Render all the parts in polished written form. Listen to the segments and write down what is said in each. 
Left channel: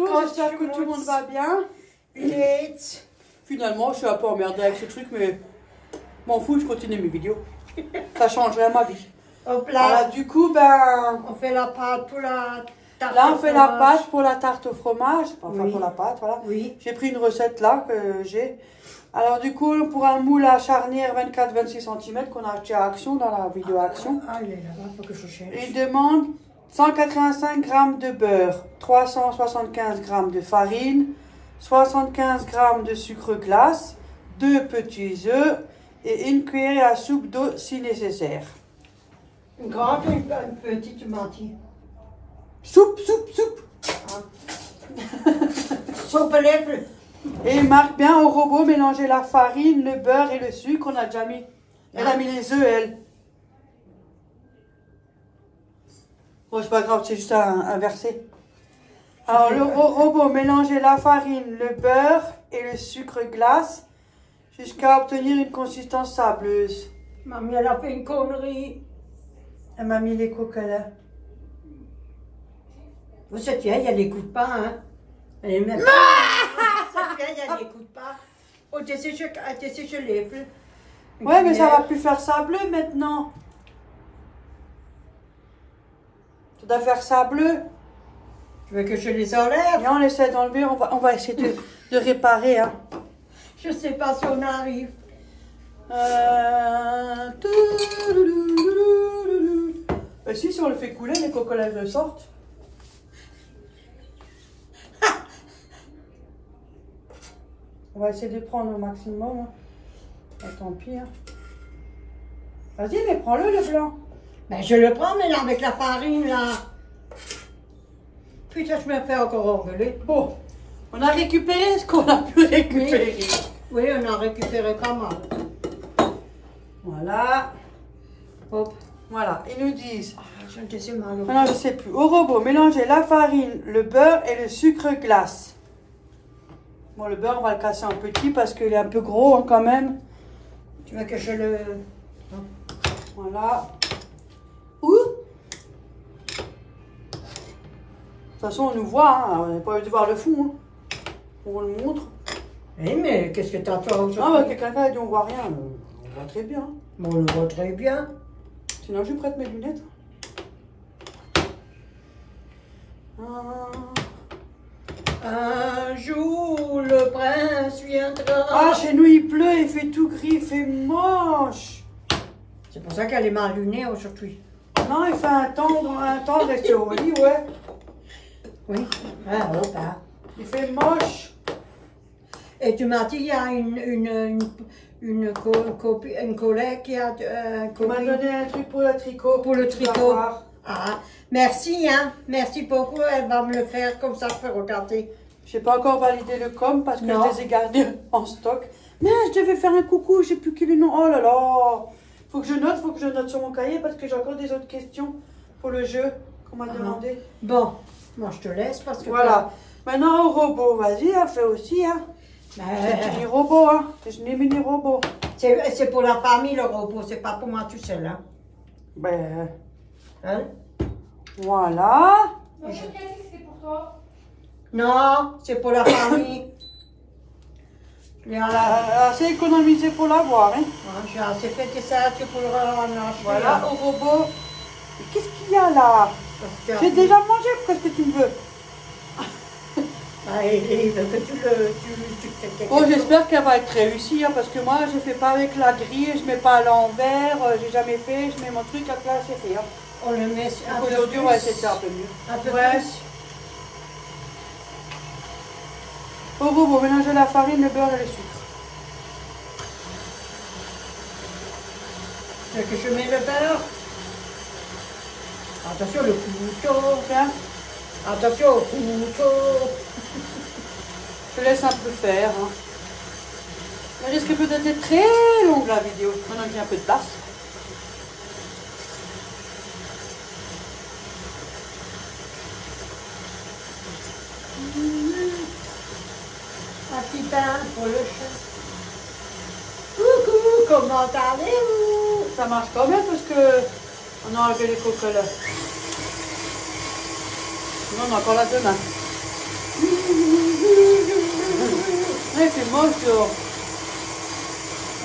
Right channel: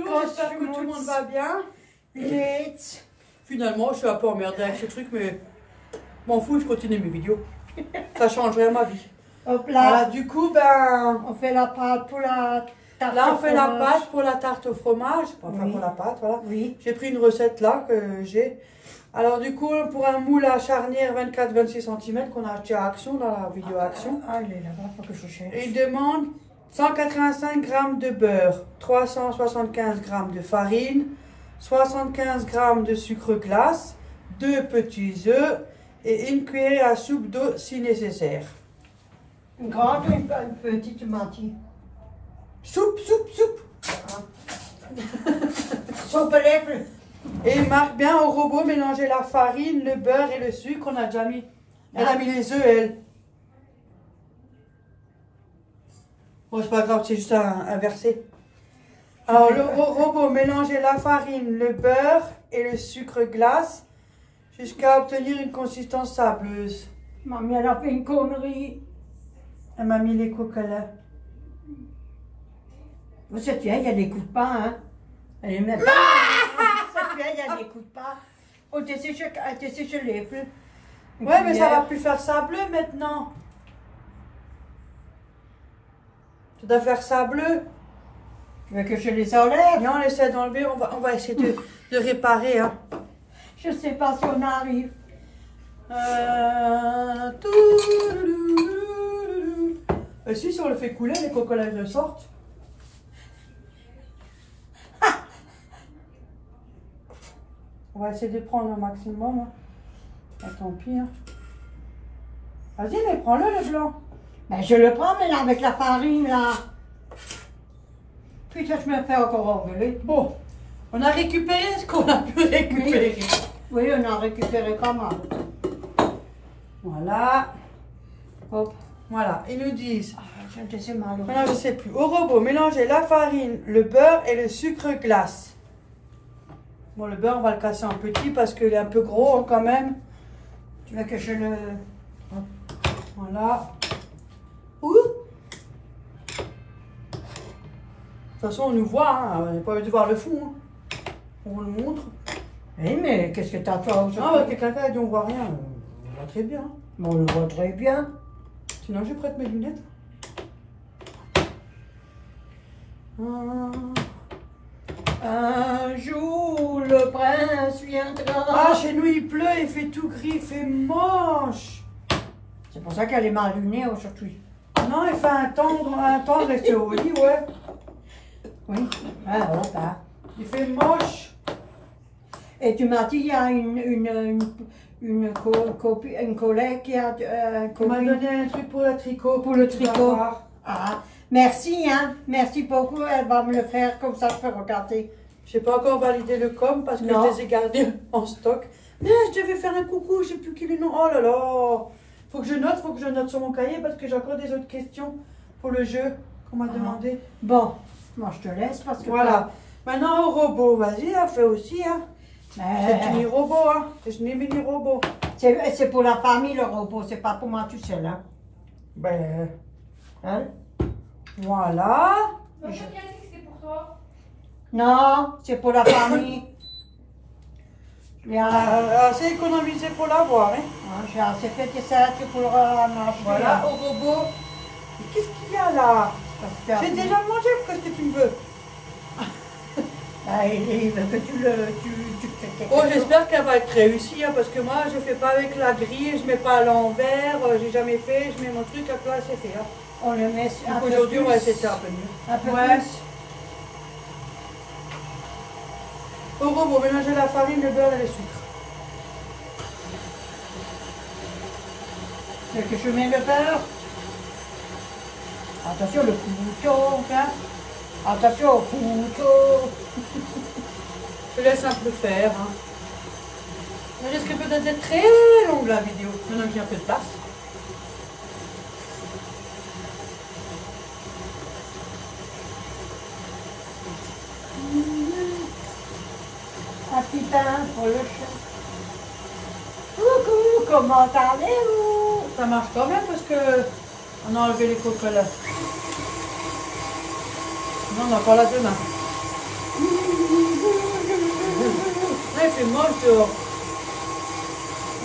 retour, j'espère que tout le monde va bien. Finalement, je suis un peu emmerdée avec ce truc, mais m'en fous, je continue mes vidéos. Ça changerait ma vie. Hop là. Voilà, du coup, ben... On fait la pâte pour la tarte Là, au on fait fromage. la pâte pour la tarte au fromage. Enfin, Oui. pour la pâte, voilà. Oui. J'ai pris une recette là que j'ai. Alors, du coup, pour un moule à charnière 24-26 cm qu'on a acheté à Action, dans la vidéo Action. Ah, il est là-bas, faut que je cherche. Il demande 185 g de beurre, 375 g de farine, 75 g de sucre glace, 2 petits œufs et une cuillère à soupe d'eau si nécessaire. Une grande ou une petite menti? Soupe. Soupe lèvres. Et il marque bien au robot mélanger la farine, le beurre et le sucre. On a déjà mis. Elle a mis les œufs, elle. Bon, c'est pas grave, c'est juste un verset. Alors, le robot mélanger la farine, le beurre et le sucre glace jusqu'à obtenir une consistance sableuse. Mamie, elle a fait une connerie. Elle m'a mis les coquelins. Cette vieille, elle n'écoute pas, hein. Elle est même... Cette vieille, elle n'écoute pas. Oh, t'es séché les feux. Ouais, mais ça va plus faire sableux maintenant. Tu dois faire sableux. Tu veux que je les enlève? Viens, on essaie d'enlever, on va essayer de réparer, hein. Je sais pas si on arrive. Si on le fait couler, les coquelages le sortent. On va essayer de prendre au maximum. Hein. Ah, tant pis. Hein. Vas-y, mais prends-le, le blanc. Ben, je le prends, mais là, avec la farine, là. Putain, je me fais encore engueuler. Bon, on a récupéré ce qu'on a pu récupérer. Oui, on a récupéré pas mal. Voilà. Hop. Voilà, ils nous disent. Je ne sais mal. Non, je ne sais plus. Au robot, mélangez la farine, le beurre et le sucre glace. Bon, le beurre, on va le casser en petit parce qu'il est un peu gros hein, quand même. Tu veux que je le... Voilà. Ouh. De toute façon, on nous voit, hein. On n'a pas envie de voir le fond. Hein. On vous le montre. Oui, mais qu'est-ce que t'as toi aujourd'hui? Ah, bah, t'es caca, on voit rien. On voit très bien. Bon, on le voit très bien. Sinon, je prête mes lunettes. Un jour, le prince viendra. Ah, chez nous, il pleut, il fait tout gris, il fait moche. C'est pour ça qu'elle est mal lunée aujourd'hui. Non, il fait un temps rester au lit, ouais. Oui. Ah, hop, hein. Il fait moche. Et tu m'as dit, il y a une collègue qui a... On m'a donné un truc pour le tricot. Pour le Tu vas tricot. voir. Ah, merci, hein. Merci beaucoup. Elle va me le faire comme ça, je peux regarder. Je n'ai pas encore validé le com parce que Non. je les ai gardés en stock. Mais je devais faire un coucou, j'ai plus quel nom. Oh là là. Faut que je note sur mon cahier parce que j'ai encore des autres questions pour le jeu qu'on m'a demandé. Bon, moi je te laisse parce que... Voilà. Maintenant au robot, vas-y, hein, fais aussi. Hein. C'est un mini robot, hein. C'est un mini robot. C'est pour la famille le robot, c'est pas pour moi tout seul, hein. Ben, Hein? voilà. Non, c'est pour la famille. J'ai C'est économisé pour l'avoir, hein. assez fait que ça, c'est pour en acheter. Voilà, au robot. Qu'est-ce qu'il y a là? J'ai déjà mangé, qu'est-ce que tu veux? Ah, il veut que tu fais. Bon, j'espère qu'elle va être réussie, hein, parce que moi, je fais pas avec la grille, je mets pas à l'envers, j'ai jamais fait, je mets mon truc, à là, c'est fait. Hein. On le met un peu Aujourd'hui, plus. on va essayer de faire un peu mieux. Un peu Ouais. plus. Au robot, mélangez la farine, le beurre et le sucre. Tu veux que je mets le beurre? Attention, le couteau. Hein? Attention au couteau. Je laisse un peu faire. Hein. Elle risque peut-être d'être très longue la vidéo, maintenant qu'il y a un peu de place. Un petit pain pour le chat. Coucou, comment allez-vous? Ça marche quand même parce que on a enlevé les cocolas. Sinon, on a encore la demain. dehors.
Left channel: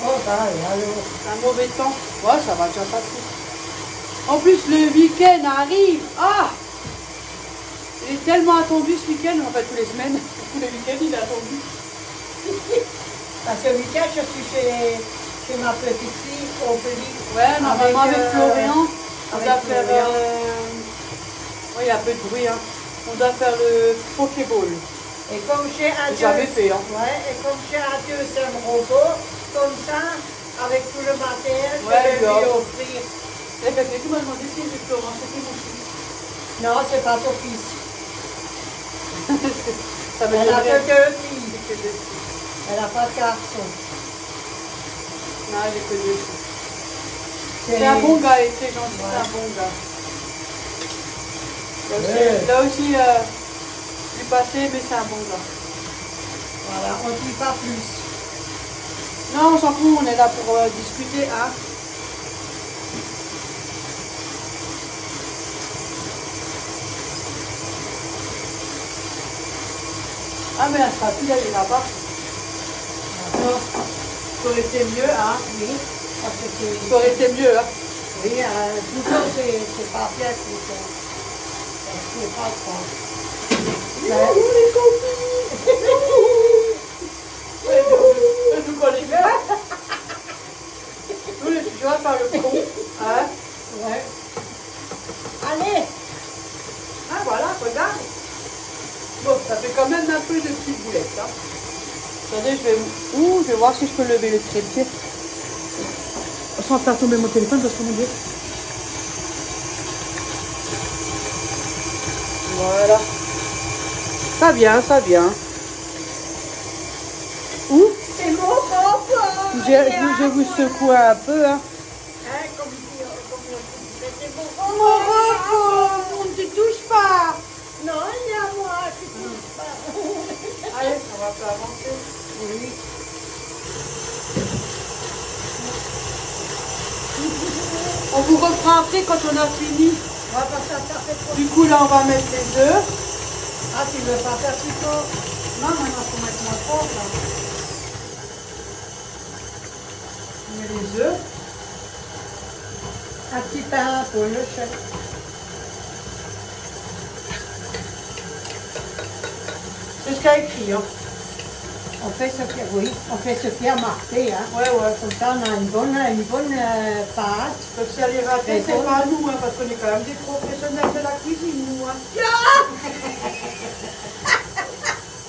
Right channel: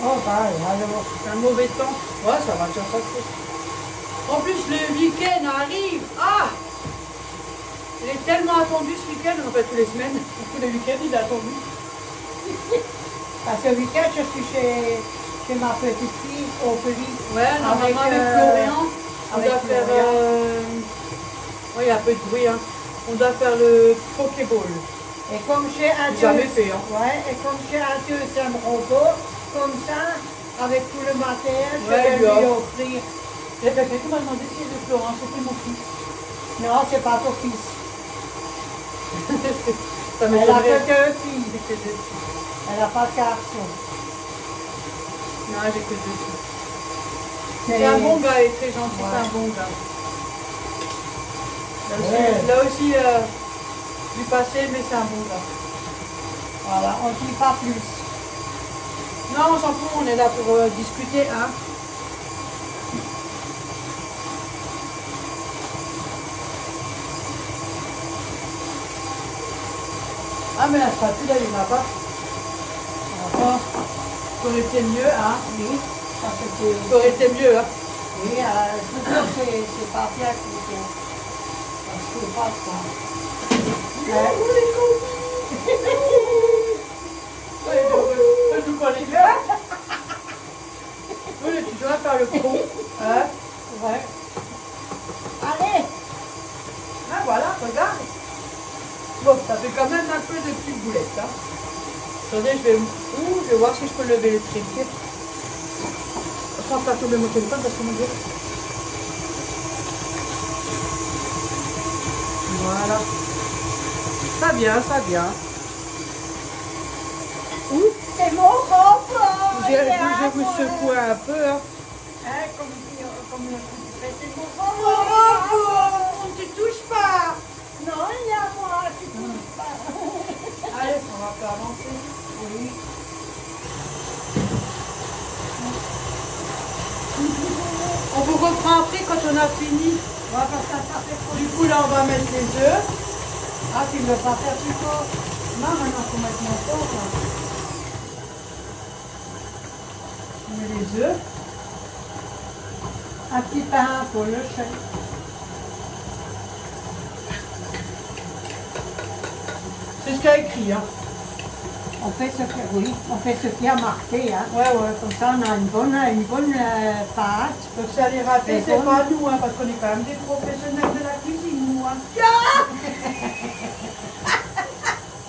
Oh, bah, alors. Un mauvais temps. Ouais, ça va déjà pas trop. En plus, le week-end arrive. Ah! Il est tellement attendu ce week-end, en fait, tous les semaines. Tous les week-ends, il est attendu. Parce que le week-end, je suis chez ma petite fille au pays. Ouais, normalement, avec Florian, on avec doit faire. Florian. Oui, il y a un peu de bruit. Hein. On doit faire le Pokéball. Et comme j'ai un Jamais fait, hein. ouais, et comme j'ai un deuxième robot, comme ça, avec tout le matériel, je Ouais, vais lui bien. offrir. Les papiers, tu m'as demandé si j'ai Florent, c'était mon fils. Non, c'est pas ton fils. Ça Elle a m'étonnerait. que deux filles. Elle n'a pas de garçon. Non, j'ai que deux filles. C'est un bon gars, il est très gentil, Ouais. c'est un bon gars. Ouais. Là aussi, du passé, mais c'est un bon gars. Voilà, on ne dit pas plus. Non, on s'en fout, on est là pour discuter, hein. Ah, mais la spatule, elle ira pas. D'accord. Ça aurait été mieux, hein. Oui, parce que c'est... Ça aurait été mieux, hein. Oui, c'est pas bien pour ça. C'est pas ça. Tu connais bien. Tu vas faire le con, hein. Ouais. Allez, Ah, voilà, regarde. Bon, ça fait quand même un peu de petites boulettes, hein. Attendez, je vais voir si je peux lever le trépied. Sans faire tomber mon téléphone parce que mon Dieu. Voilà. Ça vient, ça vient. Ouh, c'est mon papa. je vous secoue un peu, hein. Comme c'est mon Oh, papa. on ne te touche pas. Non, il y a moi qui ne touche pas. Allez, on va faire avancer. Oui. On vous reprend après quand on a fini. On va faire ça fait trop. Du coup, là, on va mettre les œufs. Ah, tu veux pas faire plus tôt? Non, maintenant, faut mettre mon pauvre. On met les œufs. Un petit pain pour le chef. C'est ce qu'il y a écrit, hein. On fait ce que, oui, on fait ce qui a marqué, hein. Ouais, ouais. Comme ça, on a une bonne pâte. Donc ça les ratés, C'est c'est bon. pas nous, hein, parce qu'on est quand même des professionnels de la cuisine, nous. Hein.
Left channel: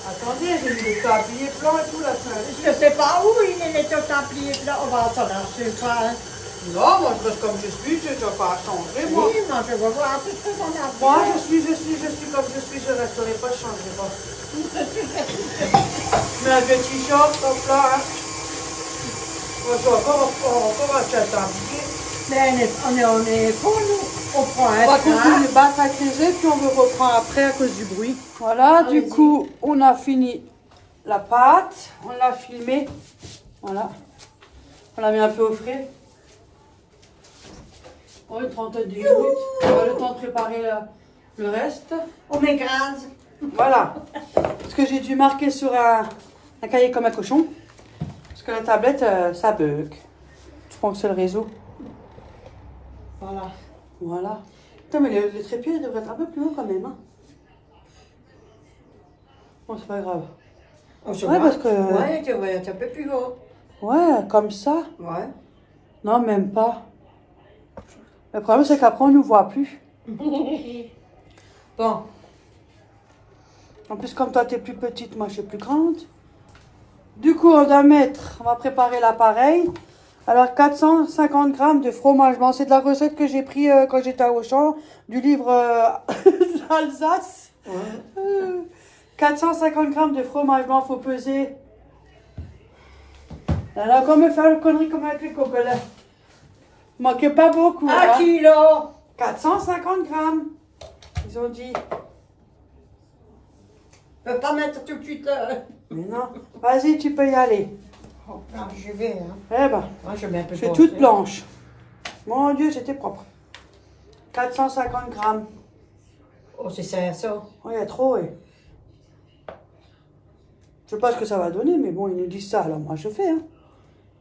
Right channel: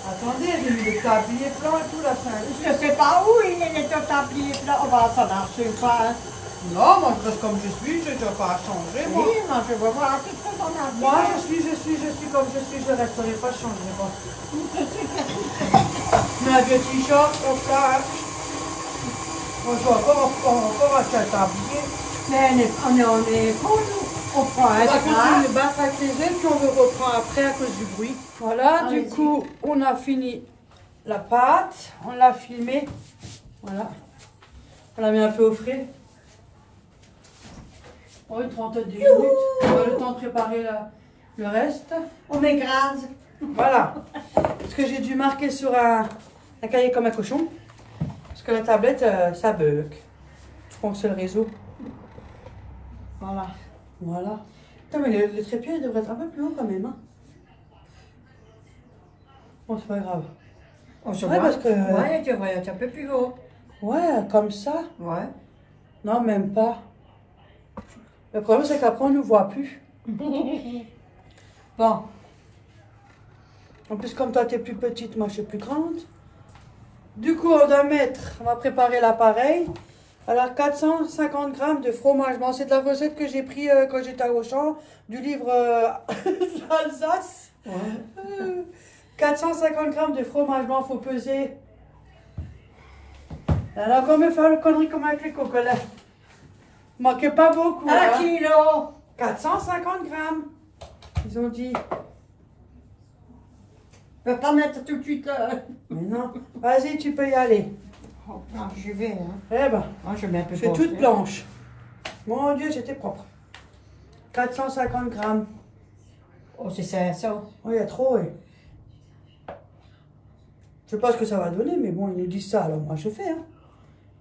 Attendez, j'ai mis le tablier blanc et tout, là, ça allait. Je sais pas où il est, les tabliers là. On va s'en acheter pas, hein. Non, moi je reste comme je suis, je ne dois pas changer, moi. Oui, moi, je veux voir tout ce qu'on a Moi, fait. je suis comme je suis, je resterai pas, je changerai pas. Mais un petit t-shirt, hop là, hein. Moi, je dois encore acheter un tablier. Mais on est pour nous. On prend On un va train. continuer le battre avec les œufs, puis on le reprend après à cause du bruit. Voilà, du Allez-y. coup, on a fini la pâte, on l'a filmée. Voilà. On l'a mis un peu au frais. Oh, une trentaine de minutes. On a le temps de préparer le reste. On m'écrase. Voilà. Parce que j'ai dû marquer sur un cahier comme un cochon. Parce que la tablette, ça bug. Je crois que c'est le réseau. Voilà. Voilà. Putain, mais le trépied il devrait être un peu plus haut quand même. Hein. Bon, c'est pas grave. On se Ouais, voit. parce que- Ouais, tu devrais être un peu plus haut. Ouais, comme ça. Ouais. Non, même pas. Le problème, c'est qu'après, on ne nous voit plus. Bon. En plus, comme toi, tu es plus petite, moi, je suis plus grande. Du coup, on va préparer l'appareil. Alors, 450 grammes de fromage blanc. C'est de la recette que j'ai pris quand j'étais à Auchan, du livre Alsace. Ouais. 450 grammes de fromage blanc, faut peser. Alors, comme me faire le connerie comme avec les cocolets. Manquez pas beaucoup. 1 hein. kilo. 450 grammes. Ils ont dit. Je ne peux pas mettre tout de suite. Mais non. Vas-y, tu peux y aller. Oh, là, j'y vais. Hein. Eh ben, Moi, je mets un peu c'est de toute beurre. blanche. Mon Dieu, c'était propre. 450 grammes. Oh, c'est 500. Oh, il y a trop, oui. Je sais pas ce que ça va donner, mais bon, ils nous disent ça, alors moi je fais. Hein.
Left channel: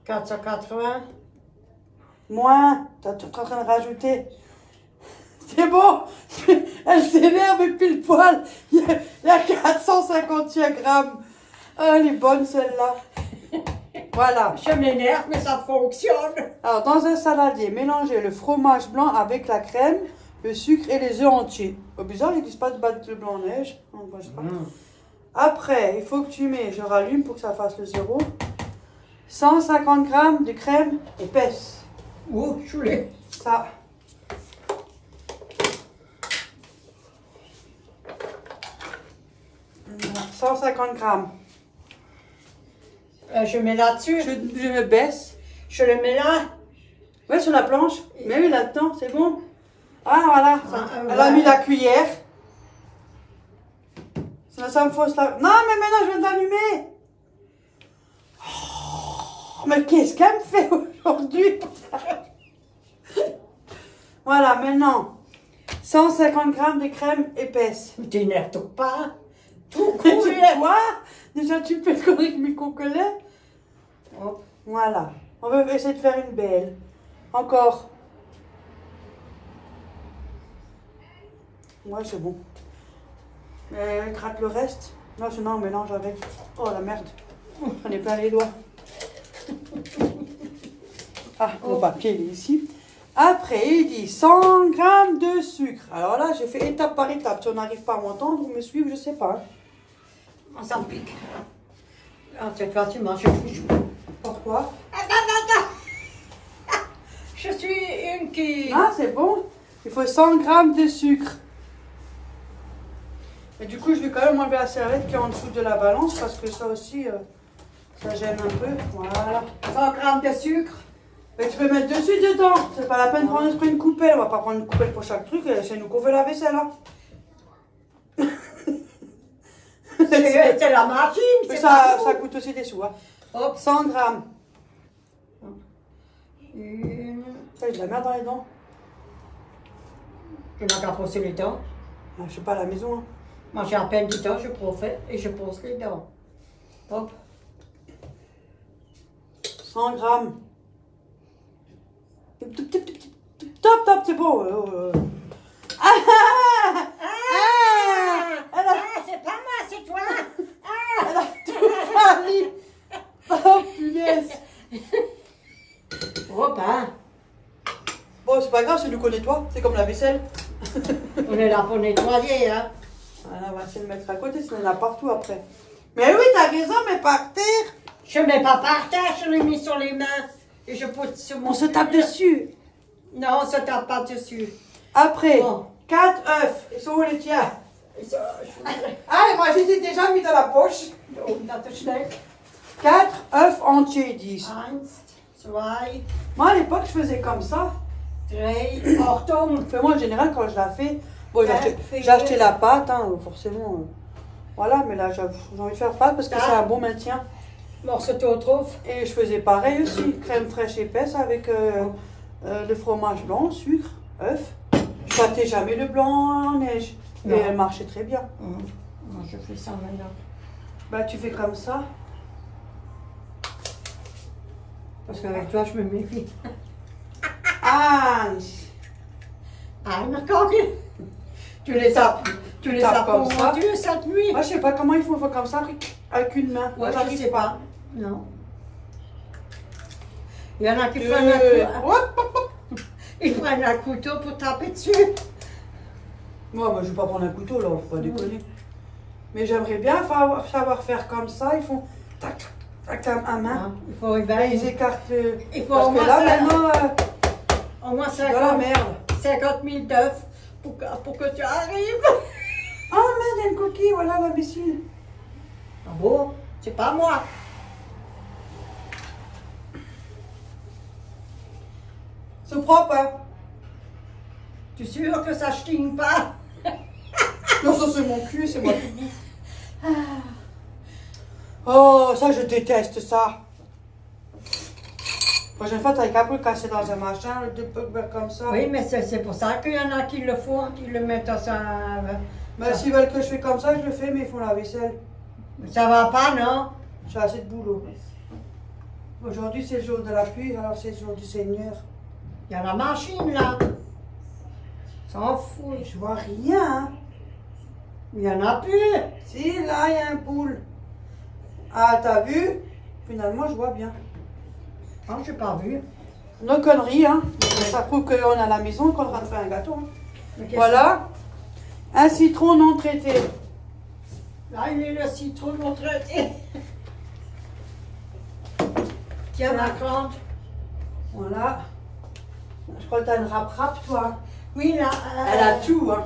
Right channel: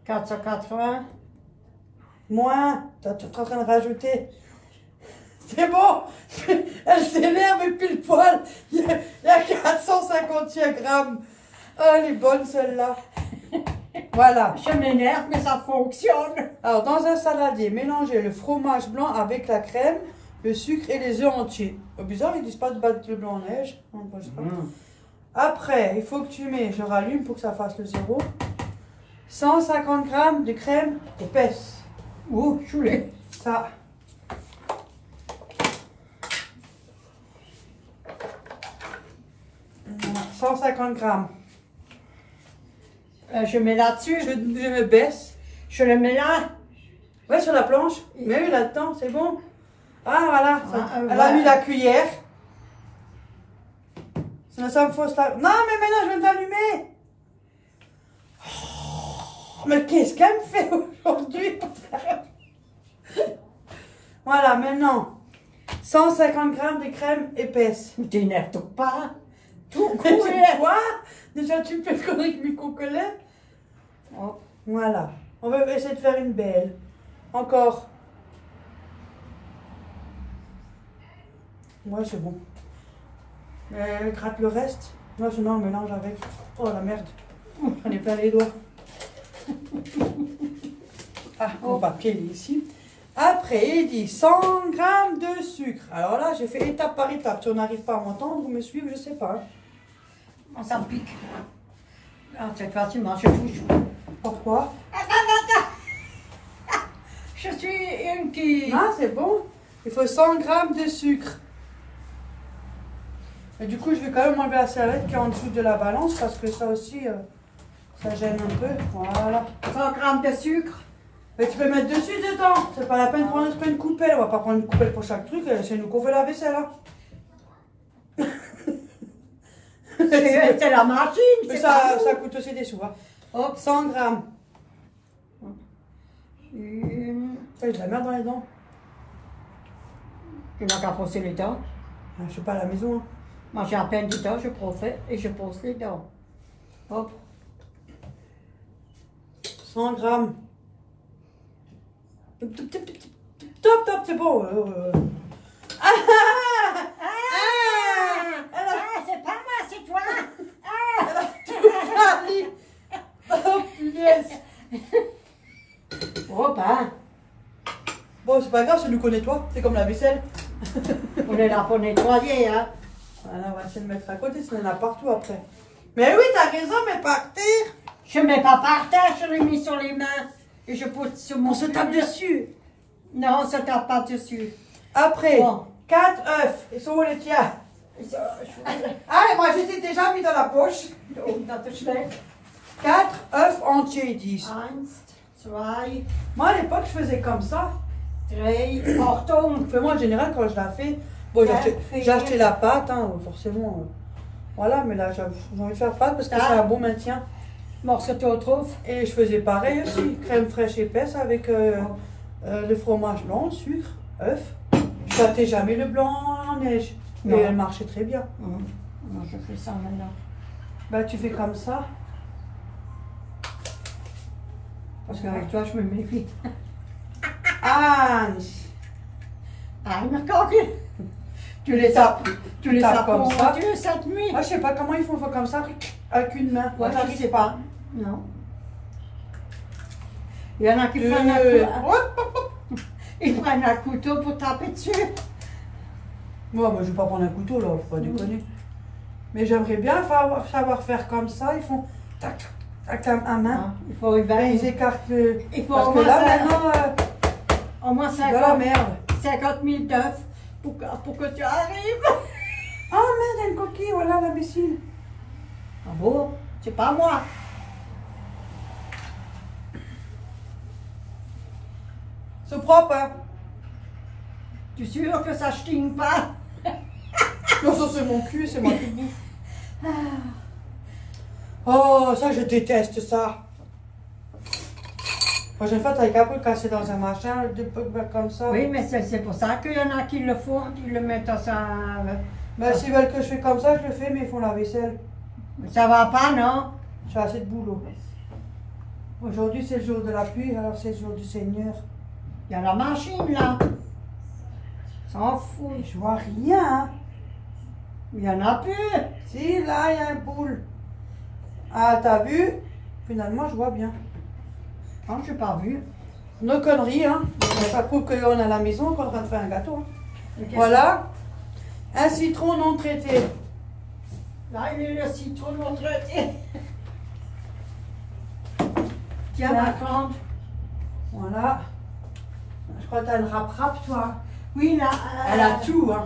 480. Moins, tu es en train de rajouter. C'est bon, elle s'énerve et pile poil. Il y a 451 grammes. Ah, elle est bonne celle-là. Voilà. Je m'énerve, mais ça fonctionne. Alors, dans un saladier, mélangez le fromage blanc avec la crème, le sucre et les œufs entiers. Oh, bizarre, ils disent pas de battre le blanc en neige. Après, il faut que tu mets, je rallume pour que ça fasse le zéro, 150 grammes de crème épaisse. Oh, choulet. Ça. Voilà, 150 grammes. Je mets là-dessus. Je me baisse. Je le mets là. Ouais, sur la planche. Mais oui, là-dedans, c'est bon. Ah, voilà. Ça. Elle a Ouais. mis la cuillère. Ça me fausse la... Non, mais maintenant, je viens d'allumer. Oh, mais qu'est-ce qu'elle me fait aujourd'hui? Voilà, maintenant. 150 grammes de crème épaisse. T'énerve pas. Tout Mais cool. quoi? Déjà, tu peux corriger mes cocolets. Oh. Voilà. On va essayer de faire une belle. Encore. Ouais, c'est bon. Mais elle gratte le reste. Moi, sinon, on mélange avec. Oh, la merde. On est plein les doigts. Ah, mon papier, il est ici. Après, il dit 100 grammes de sucre. Alors là, j'ai fait étape par étape. Si on n'arrive pas à m'entendre ou me suivre, je sais pas. Oh, ça me pique. Ah, cette fois-ci, moi, je touche. Pourquoi? Je suis une qui... Ah, c'est bon. Il faut 100 grammes de sucre. Et du coup, je vais quand même enlever la serviette qui est en dessous de la balance parce que ça aussi, ça gêne un peu. Voilà. 100 grammes de sucre. Mais tu peux mettre dessus dedans. C'est pas la peine de prendre une coupelle. On va pas prendre une coupelle pour chaque truc. C'est nous qu'on fait la vaisselle. Hein. C'est la machine. Mais c'est ça, pas ça coûte aussi des sous. Hein. Hop. 100 grammes. Une... Ça, il y a de la merde dans les dents. Je n'ai qu'à brosser les dents. Ah, je sais pas, à la maison. Hein. Moi, j'ai à peine du temps, je profite et je pose les dents. Hop. 100 grammes. Top, top, c'est bon. C'est pas moi, c'est toi. Oh, punaise. Hop, hein. Bon, c'est pas grave, c'est nous connaît toi. C'est comme la vaisselle. On est là pour nettoyer, hein. Voilà, on va essayer de le mettre à côté, sinon il y en a partout après. Mais oui, t'as raison, mais par terre. Je ne mets pas par terre, je l'ai mis sur les mains. Et je pose sur mon... On se tape dessus. Non, on se tape pas dessus. Après, Bon. 4 œufs. Ils sont où les tiens? Ah, moi j'ai déjà mis dans la poche. Dans le schneck. 4 œufs entiers, ils disent. 1, 2, Moi à l'époque, je faisais comme ça. 3, Ordnung. Enfin, moi en général, quand je la fais, bon, j'ai acheté la pâte, hein, forcément. Voilà, mais là j'ai envie de faire pâte parce que c'est un bon maintien. Morceau de trouve. Et je faisais pareil aussi, crème fraîche épaisse avec le fromage blanc, sucre, œuf. Je battais jamais le blanc en neige. Mais Non. elle marchait très bien. Moi, je fais ça maintenant. Bah tu fais comme ça. Parce qu'avec toi, je me méfie. Ah, Ah, d'accord. Tu les tapes. Tu les tapes comme comme ça. ça. Cette nuit. moi je sais pas comment il faut faire comme ça avec une main. Moi, je ne j'arrive sais pas. Non. Il y en a qui prennent Hop, hop, hop. ils prennent un couteau pour taper dessus. Moi, je vais pas prendre un couteau là, faut pas déconner. Mais j'aimerais bien savoir faire comme ça. Ils font tac, tac à main. Ah, il faut y Et ils écartent le. Il faut Parce au que moins là ça. maintenant, Au moins c'est de la merde. 50 000 d'œufs pour que tu arrives. Ah merde, il y a une coquille, voilà l'imbécile. Ah bon? C'est pas moi. C'est propre, hein. Tu es sûr que ça ne chine pas? Non, ça c'est mon cul, c'est moi qui le bouffe. Oh, ça je déteste ça. La prochaine fois, t'as qu'à le casser dans un machin, comme ça. Oui, mais c'est pour ça qu'il y en a qui le font, qui le mettent dans ça. Ben, s'ils veulent que je fais comme ça, je le fais, mais ils font la vaisselle. Mais ça va pas, non? J'ai assez de boulot. Aujourd'hui, c'est le jour de la pluie, alors c'est le jour du Seigneur. Il y a la machine, là. S'en fout. Je vois rien. Hein. Il y en a plus. Si, là, il y a un boule. Ah, t'as vu? Finalement, je vois bien. Non, je n'ai pas vu. Nos conneries, hein. Ça prouve qu'on est à la maison et qu'on est en train de faire un gâteau. Hein. Voilà. Un citron non traité. Là, il est le citron non traité. Tiens, ma grande. Voilà. Je crois que t'as une rap-rap, toi. Oui, là. Elle a tout, hein.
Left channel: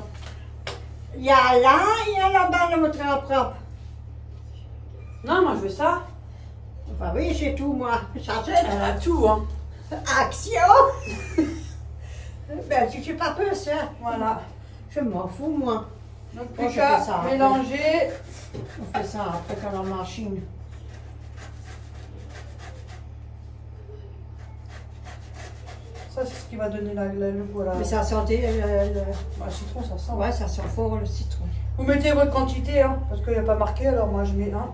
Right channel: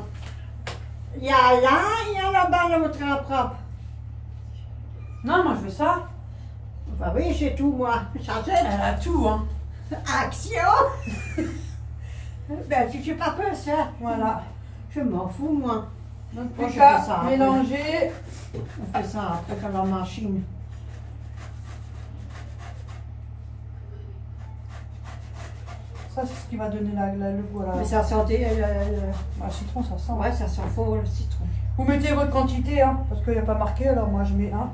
Il y a là, il y a là-bas dans votre rap-rap. Non, moi, je veux ça. Bah oui, j'ai tout, moi. Elle a tout, hein. Action. Ben, tu fais pas peur, ça. Voilà. Je m'en fous, moi. Donc, Moi, plus je qu'à fais ça. mélanger. On fait ça après dans la machine. Ça, c'est ce qui va donner le goût à la... Mais ça sentait Le citron, ça sent. Ouais, ça sent fort le citron. Vous mettez votre quantité, hein, parce qu'il n'y a pas marqué, alors moi je mets un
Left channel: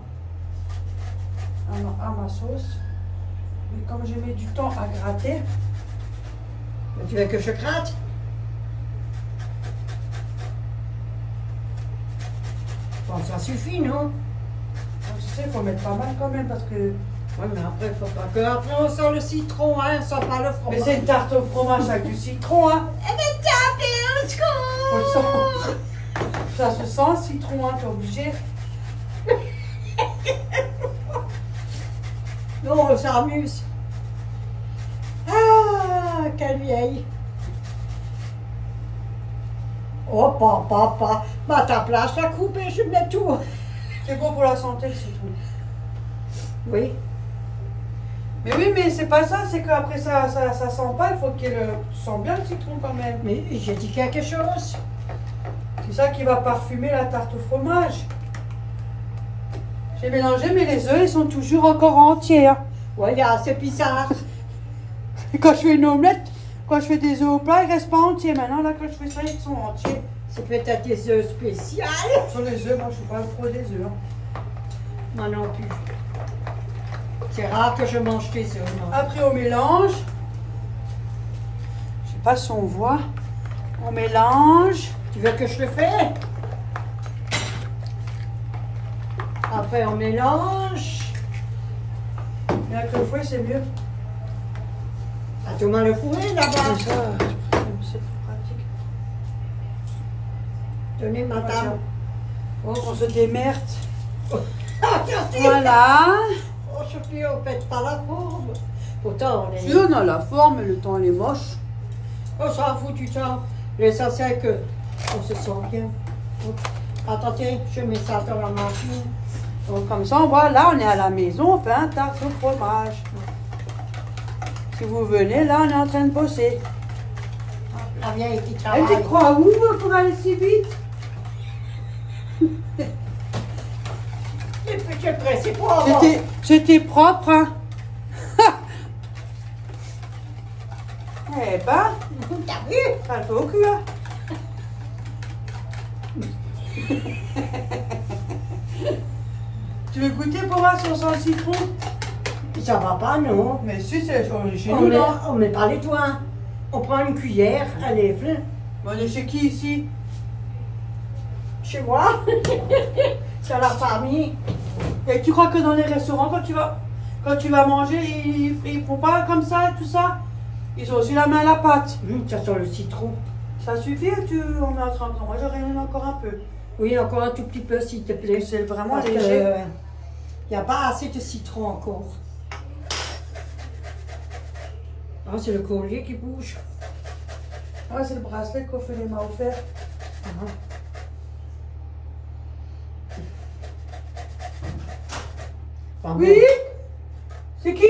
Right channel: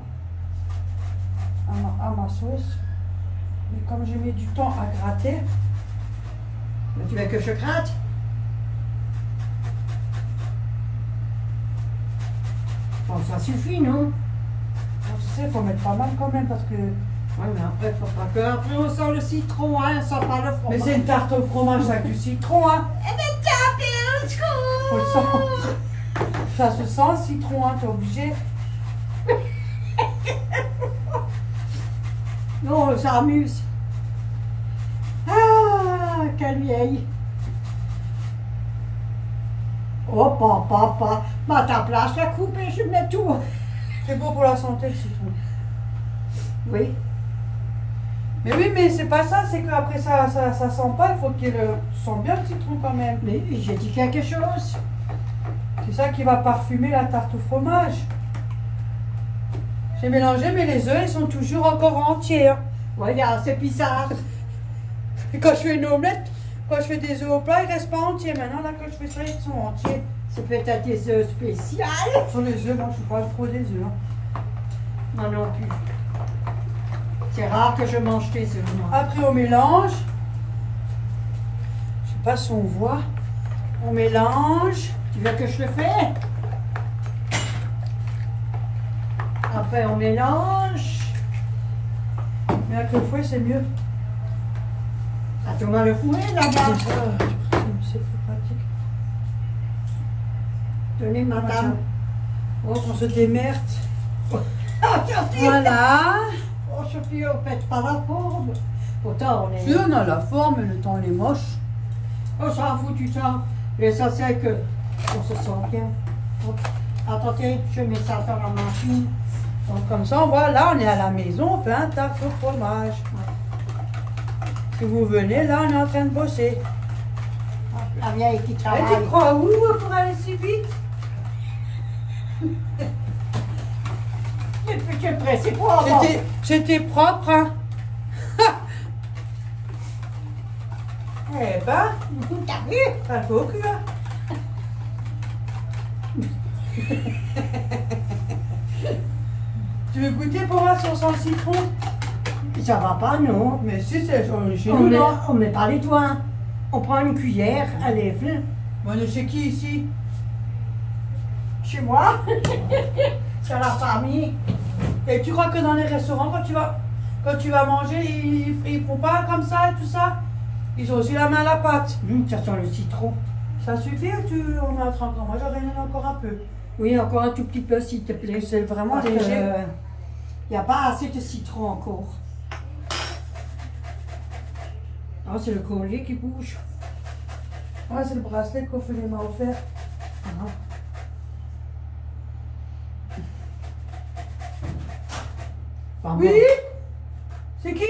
à ma sauce. Mais comme j'ai mis du temps à gratter, Mais tu veux que je gratte? Bon, ça suffit, non? tu sais, il faut mettre pas mal quand même, parce que... Ouais, mais après, il faut pas que. Après, on sent le citron, hein, on sent pas le fromage. Mais c'est une tarte au fromage avec du citron, hein. On le sent. Ça se sent le citron, hein, t'es obligé. Non, on s'amuse. Ah, quelle vieille. Oh, papa. Bah, ta place, la coupe et je mets tout. C'est bon pour la santé, le citron. Oui. Mais oui, mais c'est pas ça, c'est qu'après ça sent pas, il faut qu'il sente bien le citron quand même. Mais j'ai dit quelque chose. C'est ça qui va parfumer la tarte au fromage. J'ai mélangé, mais les œufs, ils sont toujours encore entiers. Hein. Ouais, c'est bizarre. Et quand je fais une omelette, quand je fais des œufs au plat, ils restent pas entiers. Maintenant, là, quand je fais ça, ils sont entiers. C'est peut-être des œufs spéciaux. Sur les œufs, moi, je suis pas trop des œufs. Hein. Moi non plus. C'est rare que je mange des œufs, non. Après, on mélange. Je sais pas si on voit. On mélange. Tu veux que je le fasse? Après, on mélange. Mais avec le fouet, c'est mieux. Attends-moi le fouet là-bas. C'est plus pratique. Tenez ma table. Oh, qu'on se démerde. Regardez. Voilà. Oh, Sophie, on ne pète pas la forme. Pourtant, on est... Si on a la forme, le temps, il est moche. On s'en fout du temps. L'essentiel que on se sent bien. Oh. Attendez, je mets ça dans la machine. Donc, comme ça, voilà, on est à la maison, on fait un tarte au fromage. Si vous venez, là, on est en train de bosser. La vieille qui Et travaille. tu crois où pour aller si vite? C'est pressé pour avoir. C'était propre, hein? Eh ben, T'as vu? ça le fait au cul, hein? Tu veux goûter pour voir si on sent le citron? Ça va pas, non? Mais si, c'est chez On nous, met, non? on met pas les doigts. On prend une cuillère, elle est pleine. On est chez qui ici? Chez moi? C'est la famille. Et tu crois que dans les restaurants, quand tu vas manger, ils font pas comme ça et tout ça? Ils ont aussi la main à la pâte. Ça sent le citron. Ça suffit ou on met un 30 ans? Moi, j'aurais mis encore un peu. Oui, encore un tout petit peu, s'il te plaît. C'est vraiment Parce que, léger. il n'y a pas assez de citron encore. Ah, c'est le collier qui bouge. Ouais, c'est le bracelet qu'Ophélie m'a offert. Ah. Pas Oui? bon. C'est qui?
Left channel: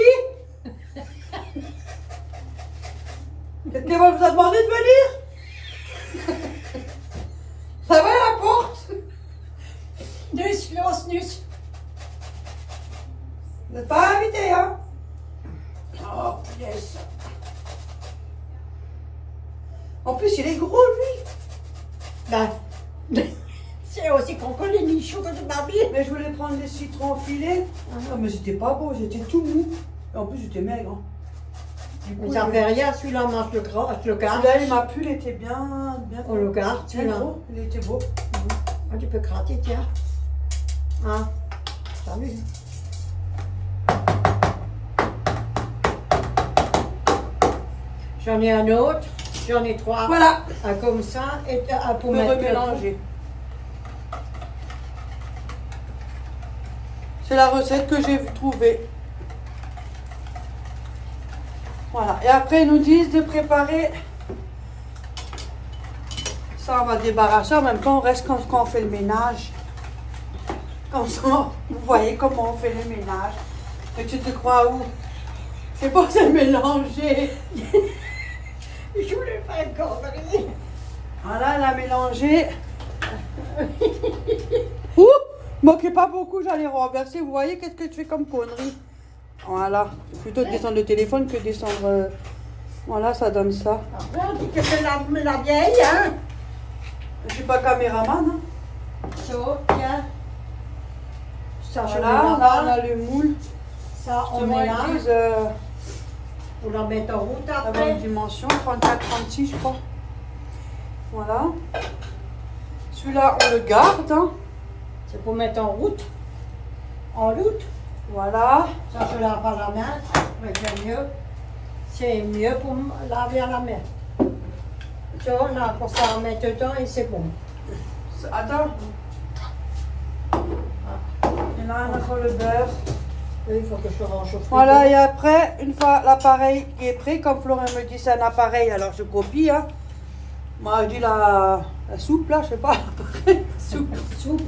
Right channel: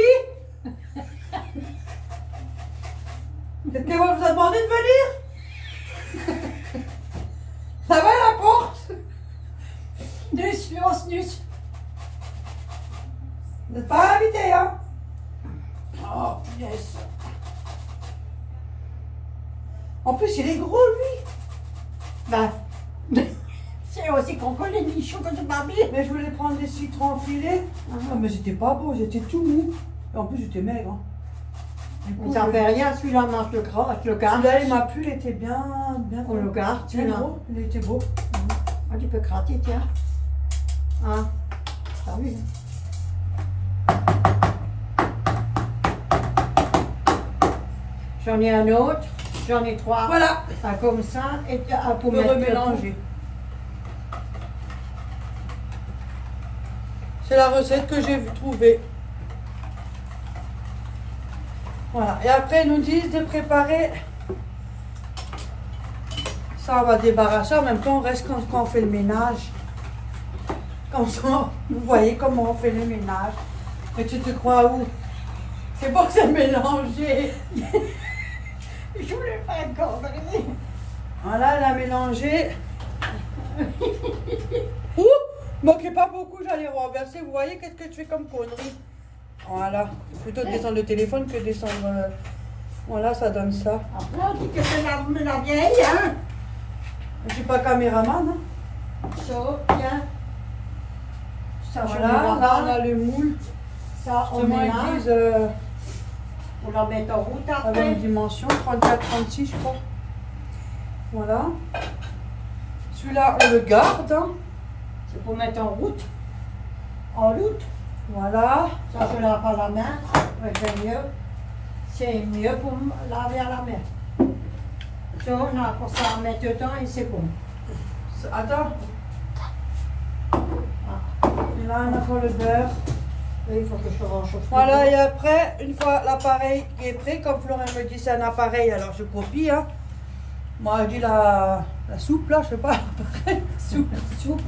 Quelqu'un va vous demander de venir? Ça va la porte? Nus, los, nus. Vous n'êtes pas invité, hein? Oh, yes. En plus, il est gros, lui. Ben, c'est C'est aussi qu'on connaît les nichons de Barbie. Mais je voulais prendre des citrons filés. Ah, mais c'était pas beau, j'étais tout mou. Et en plus, j'étais maigre. Hein. Mais ça fait rien, celui-là mange le gras, le garde. Celui-là, il m'a plu, il était bien. On le garde, celui-là. Il était beau. Ah, tu peux gratter, tiens. Hein? T'as vu? J'en ai un autre, j'en ai 3. Voilà. Un comme ça, et un pour On mettre peut remélanger. C'est la recette que j'ai trouvée. Voilà. Et après, ils nous disent de préparer. Ça, on va débarrasser. En même temps, on reste quand on fait le ménage. Comme ça, vous voyez comment on fait le ménage. Et tu te crois où? C'est pour se mélanger. Je voulais faire une connerie. Voilà, elle a mélangé. Ouh, moquez pas beaucoup, j'allais renverser. Vous voyez qu'est-ce que tu fais comme connerie? Voilà, c'est plutôt de descendre le téléphone que de descendre. Voilà, ça donne ça. Après, on dit que c'est la vieille, hein? Je suis pas caméraman. Hein. Ça, tiens. Ça, je Voilà, mets là, là-bas. on a le moule. Ça, on Justement, met ils là. disent, On la met en route avec après. une dimension, 34-36, je crois. Voilà. Celui-là, on le garde. Hein. C'est pour mettre en route. En route. Voilà. Ça, je lave à la main. C'est mieux. C'est mieux pour laver à la main. Ça, on a pour ça à mettre dedans et c'est bon. Attends. Et là, on a encore le beurre. Et il faut que je range au frigo. Voilà, et après, une fois l'appareil qui est prêt, comme Florent me dit c'est un appareil, alors je copie. Hein. Moi, je dis la soupe, là, je sais pas. Soupe. Soupe.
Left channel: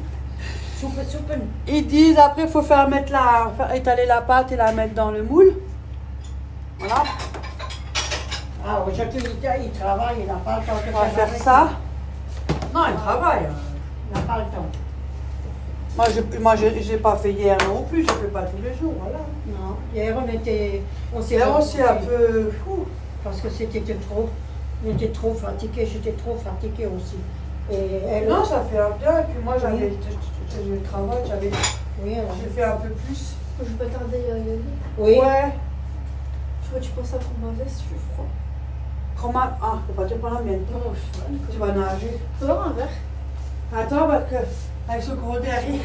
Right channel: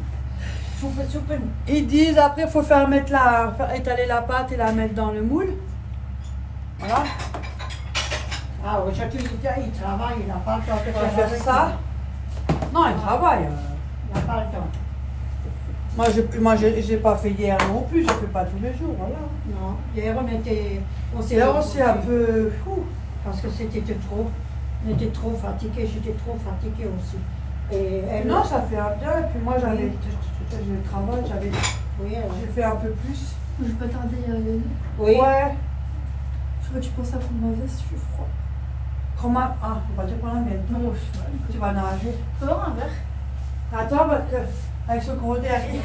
Ils disent après, il faut faire étaler la pâte et la mettre dans le moule. Voilà. Ah, aujourd'hui, il travaille, il n'a pas le temps de On va faire ça. Non, il travaille. Il n'a pas le temps. Moi, je n'ai pas fait hier non plus, je ne fais pas tous les jours. Voilà. Non, hier, on s'est Là aussi un peu fou. parce que c'était trop. On était trop fatigués, j'étais trop fatiguée aussi. Et elle, Non, ça fait un peu. Puis moi, j'avais le travail, oui, j'ai fait un peu plus. Je vais pas tarder à y aller. oui. Ouais. Je crois que tu penses à prendre ma veste, je suis froid. Ah, je peux pas te prendre la mienne. Non, je suis mal. Tu vas nager. Faut avoir un verre. Attends, parce que avec ce gros derrière.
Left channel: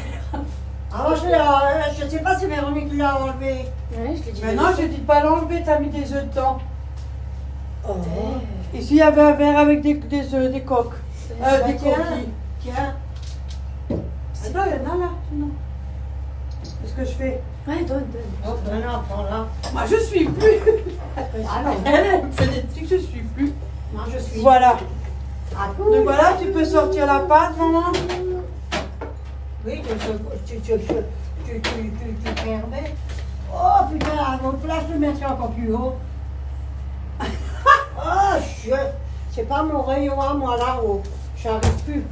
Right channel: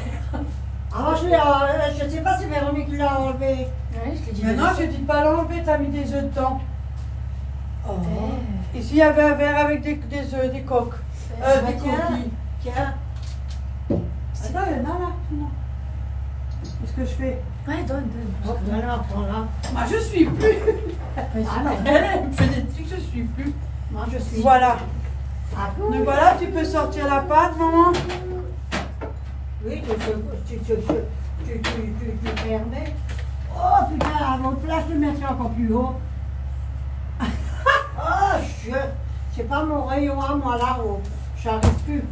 Alors, je ne sais pas si Véronique l'a enlevé. Ouais, je l'ai dit. Mais non, je dis pas l'enlever, t'as mis des œufs dedans. Oh. Ici, il y avait un verre avec des œufs, des coques. Des Tiens. coquilles. Tiens. Attends, il y en a là. Non. Qu'est-ce que je fais? Ouais, donne. Oh, maintenant, prends-la. Moi, je suis plus. Ah non, Elle me fait des trucs, je suis plus. moi je suis. Voilà. Ah, Donc cool. voilà, tu peux sortir la pâte, maman. Oui, tu permets. Oh putain, à votre place, je le mettrai encore plus haut. Oh, c'est pas mon rayon à moi là-haut. J'arrive plus.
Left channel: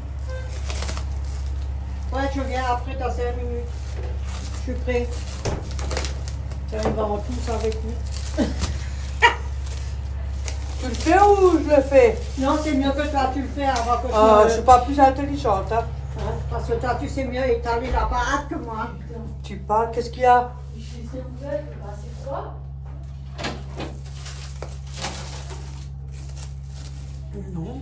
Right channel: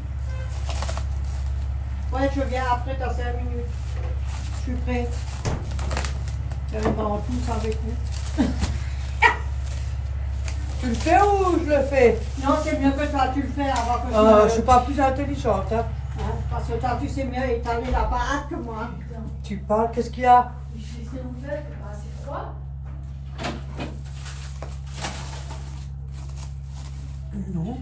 Ouais, je viens après dans 5 minutes. Je suis prêt. J'arrive pas en tous avec lui. Tu le fais ou je le fais? Non, c'est mieux que toi, tu le fais avant que Je je suis pas plus intelligente. Hein. Hein, parce que toi, tu sais mieux étaler la pâte que moi. Tu parles, qu'est-ce qu'il y a? Je suis ouvert, c'est froid. Non.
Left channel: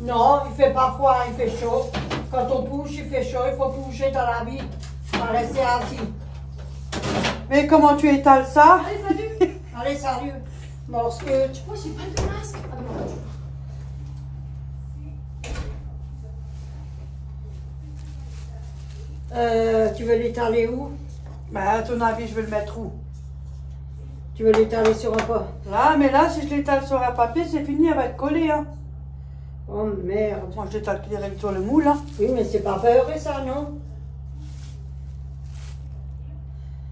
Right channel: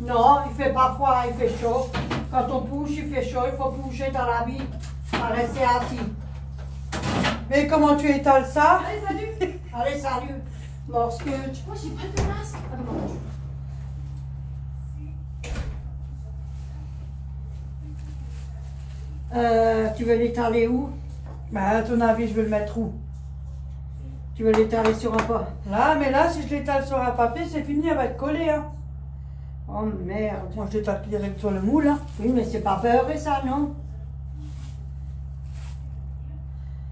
Non, il fait pas froid, il fait chaud. Quand on bouge, il fait chaud, il faut bouger dans la vie, pas rester assis. Mais comment tu étales ça? Allez, salut. Allez, salut. Morscute. Moi, j'ai pas de masque. Ah, dommage. Tu veux l'étaler où? Bah, à ton avis, je vais le mettre où? Tu veux l'étaler sur un pot? Là, mais là, si je l'étale sur un papier, c'est fini, elle va être collée. Hein. Oh merde. Moi, je l'étale direct sur le moule. Hein. Oui, mais c'est pas beurré ça, non?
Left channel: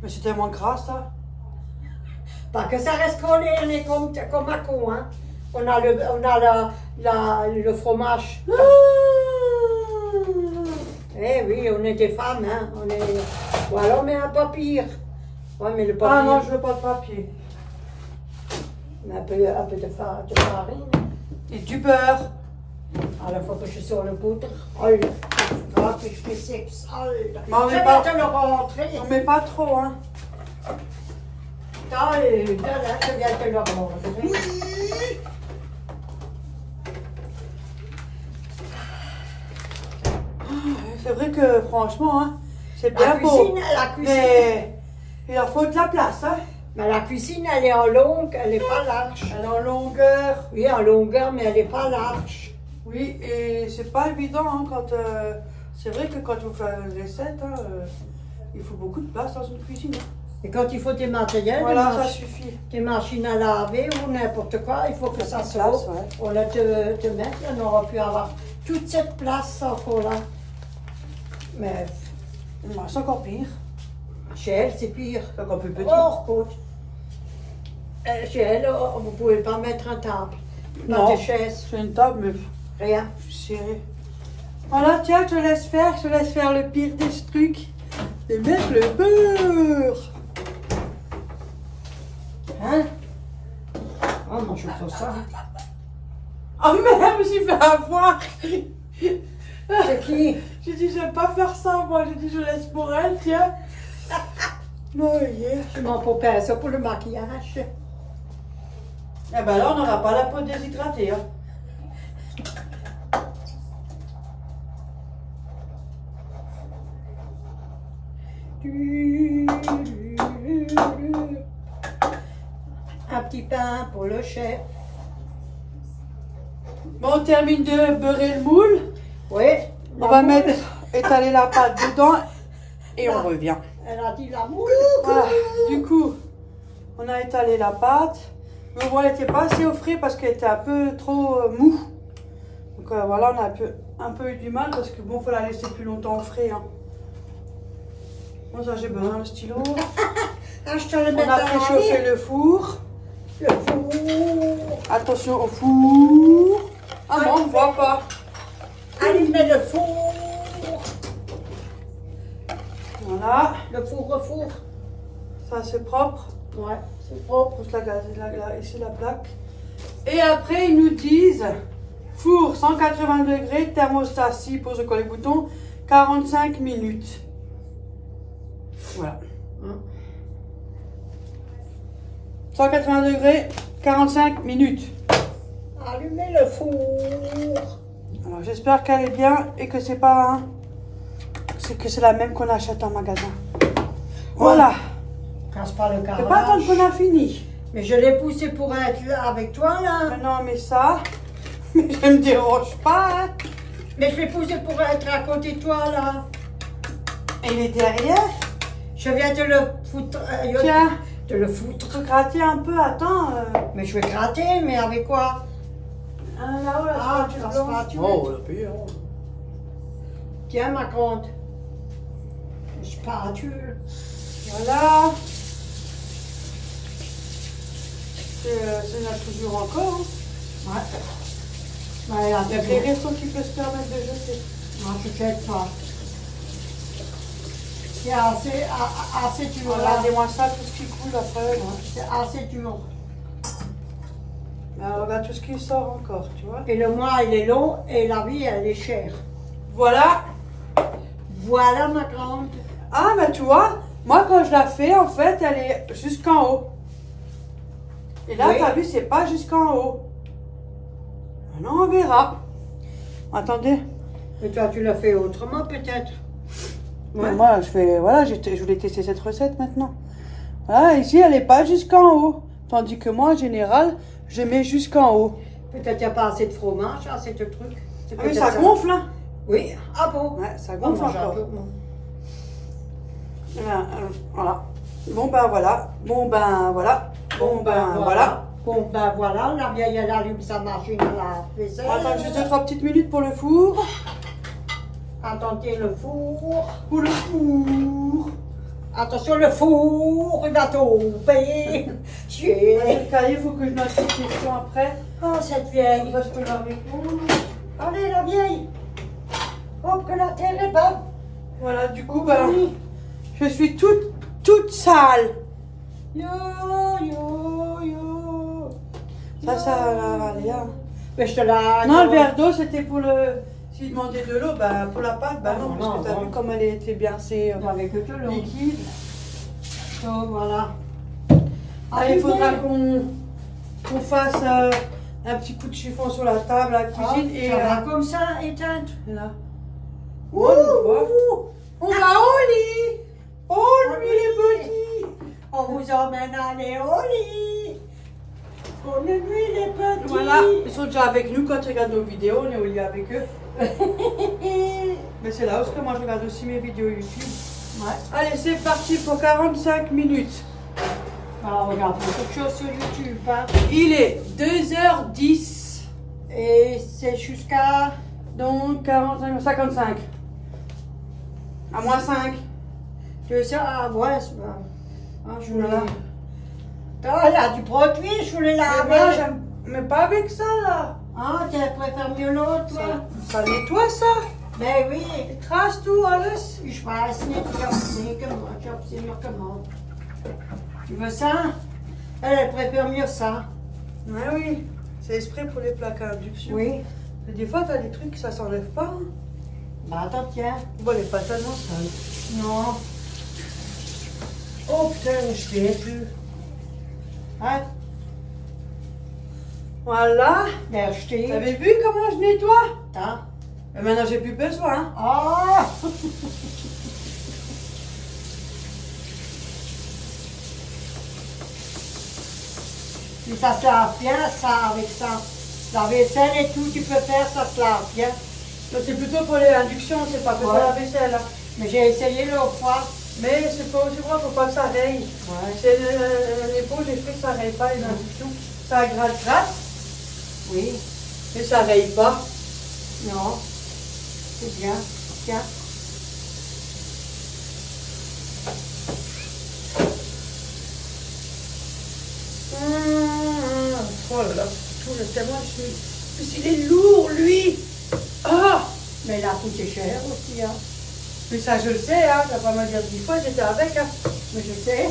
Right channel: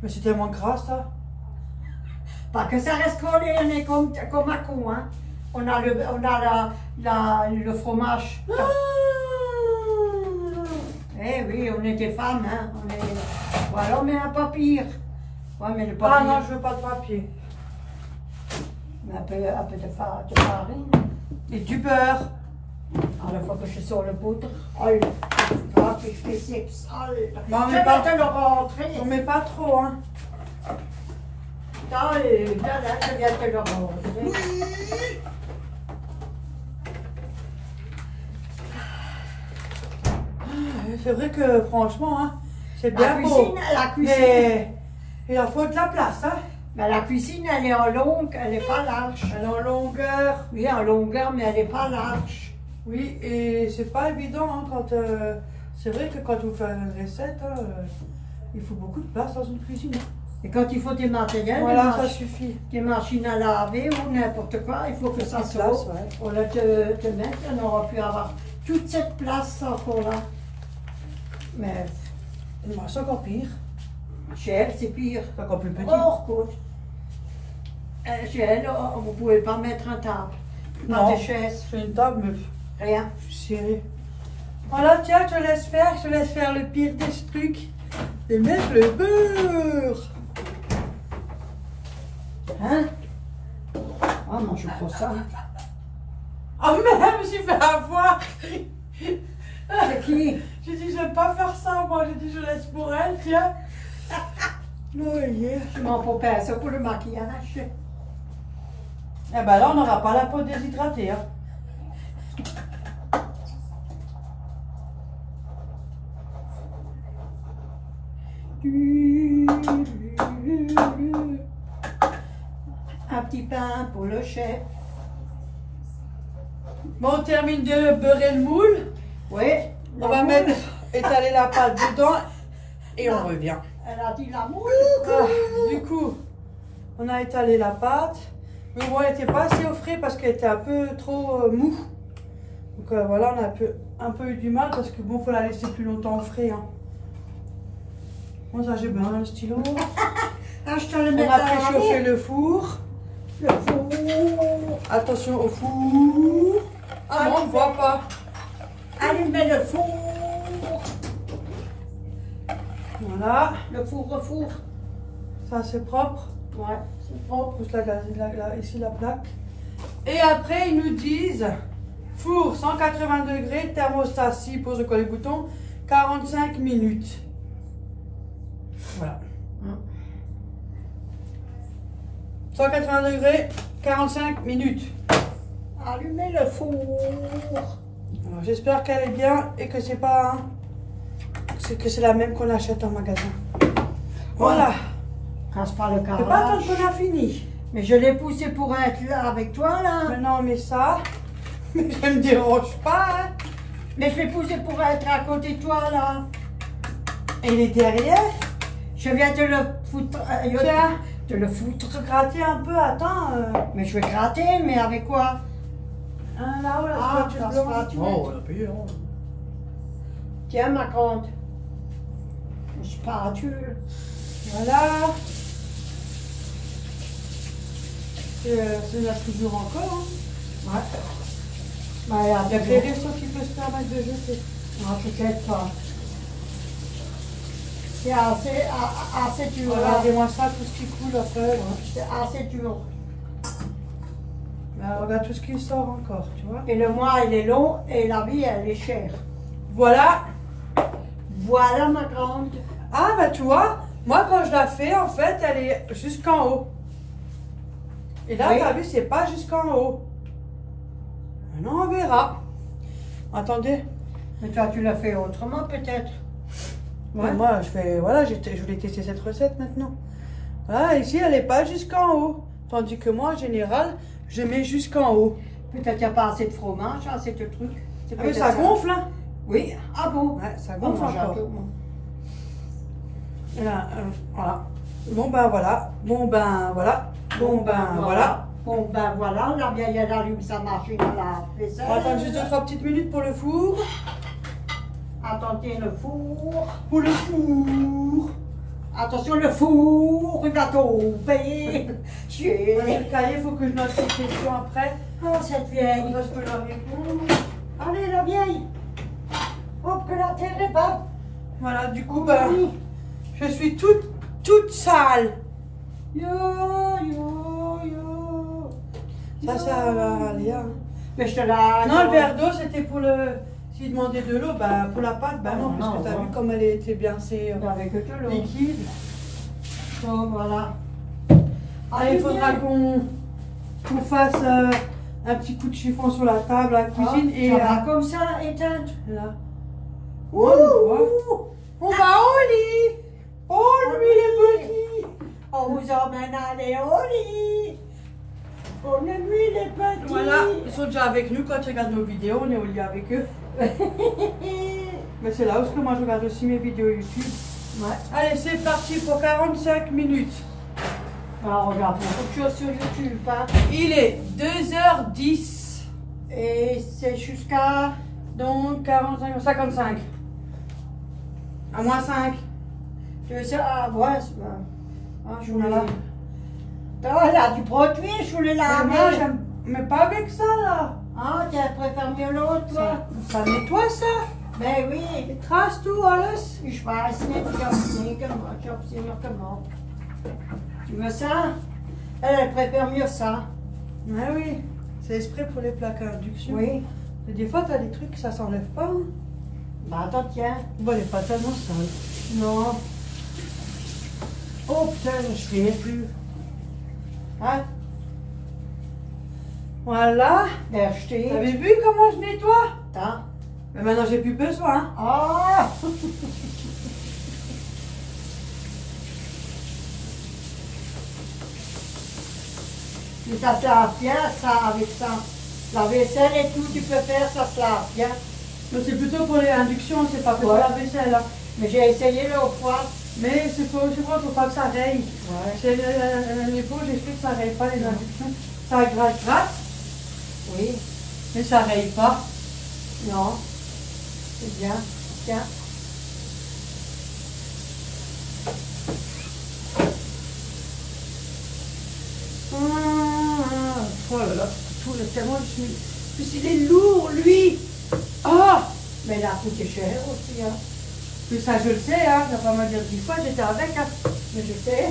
Mais c'est tellement gras, ça. Pas que ça reste collé, on est comme un con, hein. On a le fromage. Eh oui, on est des femmes, hein. Ou alors on met un papier. Ouais, mais le papier. Ah non, je veux pas de papier. Un peu de farine. Et du beurre. Alors, il faut que je sors le poutre. Oh, le poutre, c'est sexe. Oh, Bon, je vais te le rentrer. On met pas trop, hein. Attends, là, je viens te le rentrer. C'est vrai que franchement, hein, c'est bien beau. La cuisine. Mais il en faut de la place, hein. Mais la cuisine, elle est en longue, elle n'est pas large. Elle est en longueur. Oui, en longueur, mais elle n'est pas large. Oui, et c'est pas évident, hein, quand... c'est vrai que quand vous faites une recette, hein, il faut beaucoup de place dans une cuisine. Hein. Et quand il faut des matériels, Voilà, ça suffit. des machines à laver ou n'importe quoi, il faut que ça sorte. Ouais. On l'a te mettre, on aurait pu avoir toute cette place encore là. Mais C'est encore pire. chez elle, c'est pire. C'est encore plus petit. Oh, écoute. Chez elle, vous ne pouvez pas mettre un table. Pas Non. de chaise. C'est une table, mais Rien. c'est... Voilà, tiens, je te laisse faire le pire des trucs. Et mettre le beurre. Hein? Ah, moi je prends ça. Ah, même, j'ai fait avoir. C'est qui? J'ai dit, j'aime pas faire ça, moi. J'ai dit, je laisse pour elle, tiens. Oh, yeah. Je m'en peux pas ça pour le maquillage. Eh ben là, on n'aura pas la peau déshydratée. Hein. Un petit pain pour le chef. Bon, on termine de beurrer le moule. Oui. On va mettre, étaler la pâte dedans et on revient. Elle a dit la moule. Voilà, du coup, on a étalé la pâte. Mais bon, elle n'était pas assez au frais parce qu'elle était un peu trop mou. Donc voilà, on a un peu eu du mal parce que bon, faut la laisser plus longtemps au frais. Hein. Bon, ça, j'ai besoin de stylo. Ah, je te le On mets a préchauffé le four. Le four. Attention au four. Ah non, on ne voit pas. Allumez le four. Voilà, Le four, le four. ça c'est propre. Ouais. C'est propre, ici la plaque. Et après, ils nous disent four 180 degrés, thermostat 6 pour coller le bouton, 45 minutes. Voilà. 180 degrés, 45 minutes. Allumez le four. Alors j'espère qu'elle est bien et que c'est pas c'est la même qu'on achète en magasin. Voilà. Casse pas le C'est pas carrelage. tant qu'on a fini. Mais je l'ai poussé pour être là avec toi là. Mais non, mais ça, je me dérange pas. Hein. Mais je l'ai poussé pour être à côté de toi là. Et il est derrière. Je viens de le foutre. Tiens. De le foutre. Faut gratter un peu, attends. Mais je vais gratter, mais avec quoi? Là-haut, la Ah, spatule la blanche. spatule. Oh, on l'a payé, hein. Tiens ma grande. Spatule. Voilà. C'est la toujours encore. Hein. Ouais. Ouais, à Les deux. restos qui peuvent se permettre de jeter. Ah, peut-être pas. C'est assez dur. là. Regardez-moi ça, tout ce qui coule après. C'est assez dur. Là, regarde tout ce qui sort encore, tu vois. Et le mois, il est long et la vie, elle est chère. Voilà. Voilà ma grande. Ah, bah tu vois, moi quand je la fais, en fait, elle est jusqu'en haut. Et là, Oui. t'as vu, c'est pas jusqu'en haut. Maintenant, on verra. Attendez. Mais toi, tu l'as fait autrement, peut-être. Ouais. Moi, je voulais tester cette recette maintenant. Voilà, ici, elle n'est pas jusqu'en haut. Tandis que moi, en général, je mets jusqu'en haut. Peut-être qu'il n'y a pas assez de fromage, assez de trucs. C'est Ah, mais peut-être ça gonfle, hein? Oui. Ah bon? Ouais, ça On gonfle mange un encore. peu. Bon. Et là, voilà. Bon, ben voilà. Bon, ben voilà. Bon, ben voilà. Bon, ben voilà, la vieille, elle allume sa machine à la vaisselle. On va attendre juste 2-3 petites minutes pour le four. Attendez le four. Pour le four. Attention, le four, il va tomber. Le cahier, il faut que je fasse une question après. Oh, cette vieille. Comme ça, je peux la répondre. Allez, la vieille. Hop, que la terre est bas. Voilà, du coup, ben, Oui. je suis toute sale. Yo, yo, yo. Ça va aller. Hein. Mais je te la... Non, le verre d'eau, c'était pour le... S'il demandait de l'eau, bah, pour la pâte, bah non, parce Non, que t'as non. vu comme elle était bien, c'est Avec tout l'eau. liquide. Donc, voilà. Allez, il faudra qu'on fasse un petit coup de chiffon sur la table, à la cuisine. Et ça va comme ça, éteinte. là. Ouh, On va au lit. Oh, lui, les petits. on vous emmène aller au lit. Pour le nuit, les petits. Voilà, ils sont déjà avec nous quand tu regardes nos vidéos, on est au lit avec eux. Mais c'est là où moi je regarde aussi mes vidéos YouTube. Ouais. Allez, c'est parti pour 45 minutes. Alors, on regarde beaucoup de choses sur YouTube. Hein. Il est 2h10. Et c'est jusqu'à... Donc 45, 55. À moins 5. 2 heures. Ah, ouais, c'est pas... Ah, je voulais... Voilà. Ah, là, du produit, je voulais la Mais moi, j'aime. Mais pas avec ça là. Ah, tu préfères mieux l'autre, toi? Ça nettoie ça. Ben oui. Il trace tout, alles. Ich weiß nicht, ich habe sie noch gemacht. Tu veux ça? Elle préfère mieux ça. Mais oui. C'est exprès pour les plaques à induction. Oui. Mais des fois, t'as des trucs que ça s'enlève pas. Hein. Bah, attends, tiens. Bon, elle est pas tellement sale. Non. Oh putain, je ne plus. Hein? Voilà. Der Vous steht. avez vu comment je nettoie? Da. Mais maintenant, j'ai plus besoin. Ah! Si ça se lave bien, ça, avec ça. La vaisselle et tout, tu peux faire, ça se lave bien. Donc, c'est plutôt pour les inductions, c'est pas pour Ouais. la vaisselle. Hein. Mais j'ai essayé l'autre fois. Mais c'est pour, je crois, faut pas que ça raye. Ouais. C'est l'épaule, j'ai fait que ça raye pas les inductions. Ça gratte, Oui. mais ça raye pas. Non. C'est bien. Tiens. Oh là là, tout le tellement je suis. Puis il est lourd, lui. Ah! Mais il a coûté cher aussi, hein. Puis ça, je le sais, hein. Je vais pas me dire 10 fois, j'étais avec, hein. Mais je sais.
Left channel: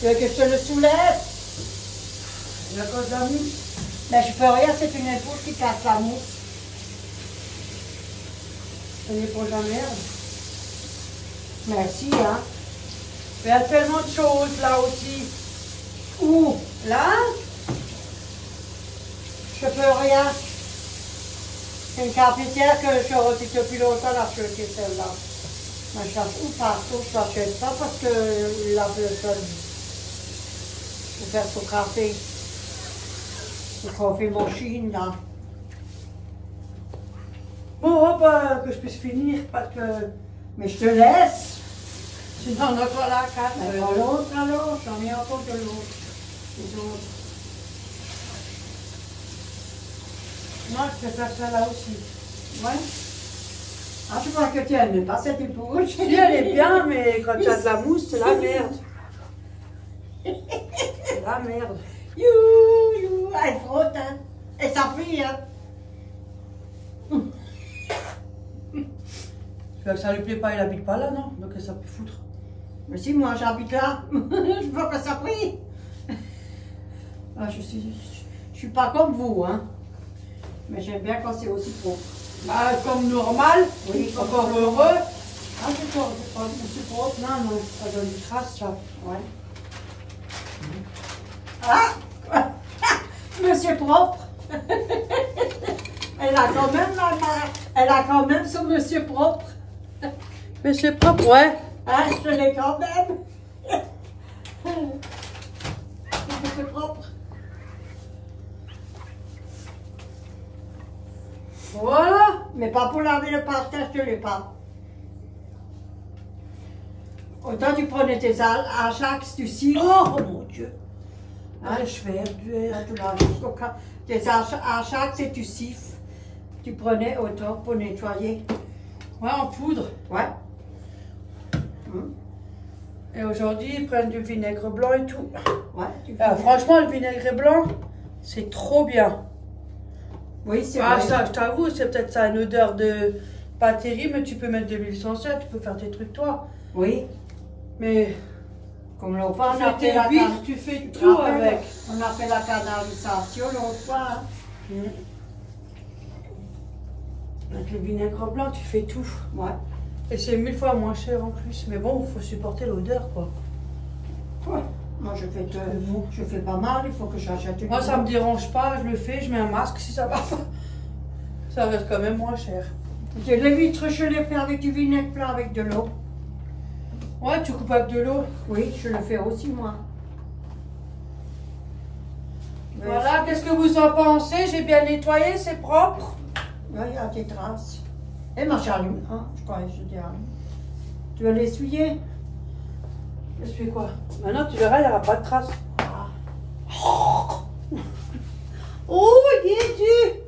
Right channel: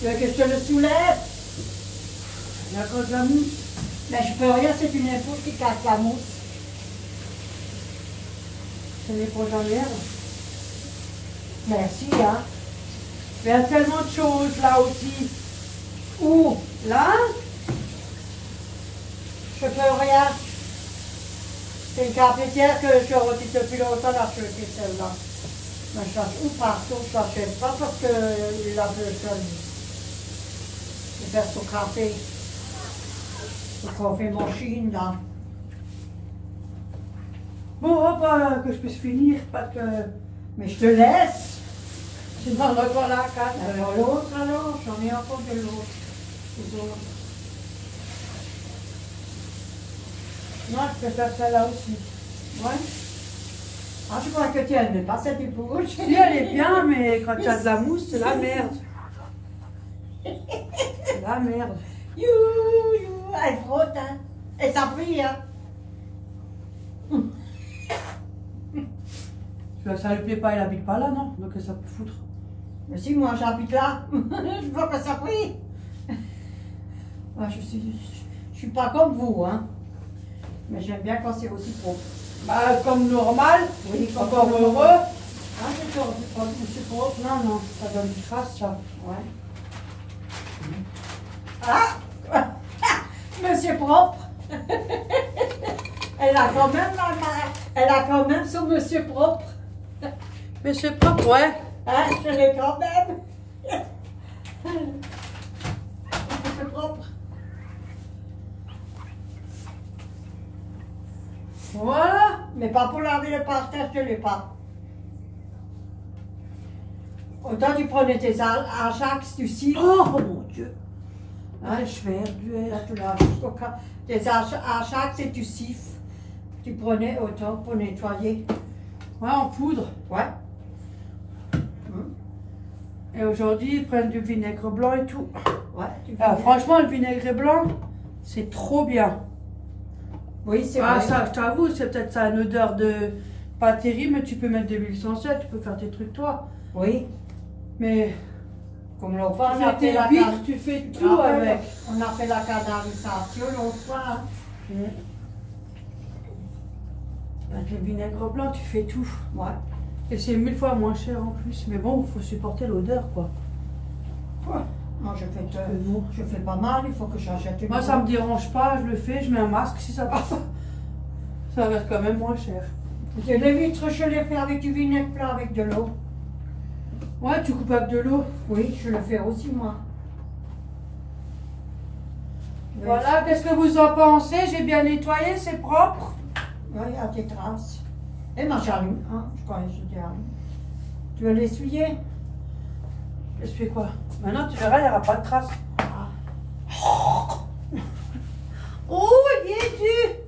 Tu veux que je te le soulève? Il y a cause d'un mousse. Mais je peux rien, c'est une épaule qui casse la mousse. Ça n'est pas la merde. Merci, hein. Il y a tellement de choses là aussi. Où? Là? Je peux rien. C'est une cafetière que je retire depuis longtemps la jeter celle-là. Mais je cherche où partout, je l'achète pas parce qu'il lave le sol. Je vais faire son café. Le café machine là. Bon, hop, que je puisse finir parce que. Mais je te laisse. Sinon, on va la carte. Alors l'autre alors, j'en ai encore de l'autre. Les autres. Moi, je peux faire ça là aussi. Ouais. Ah, je crois que tu n'aimes pas cette épaule. Si elle est bien, mais quand tu as de la mousse, c'est la merde. C'est la merde. You, you. Elle frotte, hein. Et ça plie, hein. Que ça lui plaît pas, elle habite pas là, non? Donc ça peut foutre. Mais si, moi j'habite là. Je vois que ça plie. Ah, je suis pas comme vous, hein. Mais j'aime bien quand c'est aussi propre. Bah, comme normal. Oui, comme Encore normal. heureux. Ah, c'est propre. Non, non, ça donne du trace, ça. Ouais. Ah! Monsieur propre. Elle a quand même elle a quand même son monsieur propre. Mais c'est propre, ouais. Hein, je l'ai quand même. Monsieur propre. Voilà. Mais pas pour laver le parterre, je ne l'ai pas. Autant tu prenais tes ajax, tu siffles. Oh mon Dieu. Hein? Allez, je vais Là, buer. tu laves tes ajax et tu siffles. Tu prenais autant pour nettoyer. Ouais, en poudre. Ouais. Et aujourd'hui, ils prennent du vinaigre blanc et tout. Ouais. Tu Ah, fais- franchement, le vinaigre blanc, c'est trop bien. Oui, c'est Ah, vrai. ça, je t'avoue, c'est peut-être ça, une odeur de pas terrible, mais tu peux mettre de l'huile essentielle, tu peux faire tes trucs toi. Oui. Mais Comme l'autre fois, Tu on a fais fait tes la huîtres, tu fais tout avec. On a fait la canalisation l'autre fois. Hein. Avec le vinaigre blanc, tu fais tout. Ouais. Et c'est 1000 fois moins cher en plus. Mais bon, il faut supporter l'odeur, quoi. Ouais. Moi, je fais pas mal, il faut que j'achète une. Moi, ça me dérange pas, je le fais, je mets un masque si ça va pas. Ça reste quand même moins cher. Les huîtres, je les fais avec du vinaigre blanc avec de l'eau. Ouais, tu coupes avec de l'eau. Oui, je le fais aussi, moi. Voilà, qu'est-ce que vous en pensez? J'ai bien nettoyé, c'est propre. Oui, il y a des traces. Et moi, j'allume. Hein, je crois que je dis allume. Tu veux l'essuyer? Essuie quoi? Maintenant, tu verras, il n'y aura pas de traces. Ah. Oh, il est dur.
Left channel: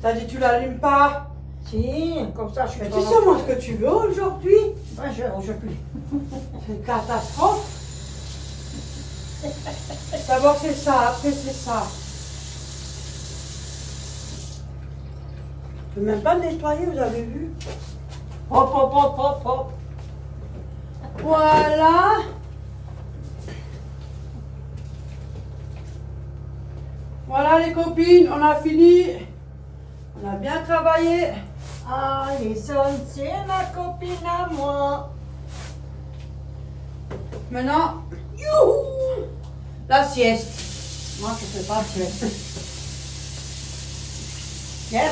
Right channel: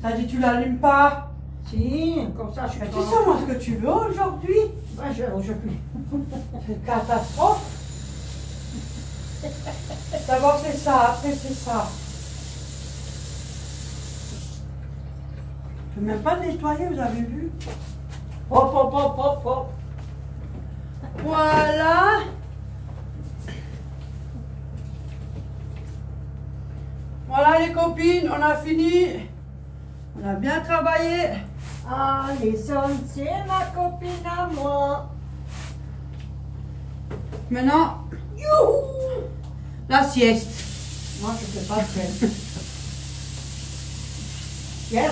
T'as dit tu l'allumes pas? Si, comme ça, je suis Mais tu sais, moi, ce que tu veux aujourd'hui. Ouais, je puis. C'est une catastrophe. D'abord c'est ça, après c'est ça. Je peux même pas le nettoyer, vous avez vu? Hop, hop, hop, hop, hop. Voilà. Voilà les copines, on a fini. On a bien travaillé. Alison, c'est ma copine à moi. Maintenant, youhou, la sieste. Moi, je ne fais pas de sieste. Hier,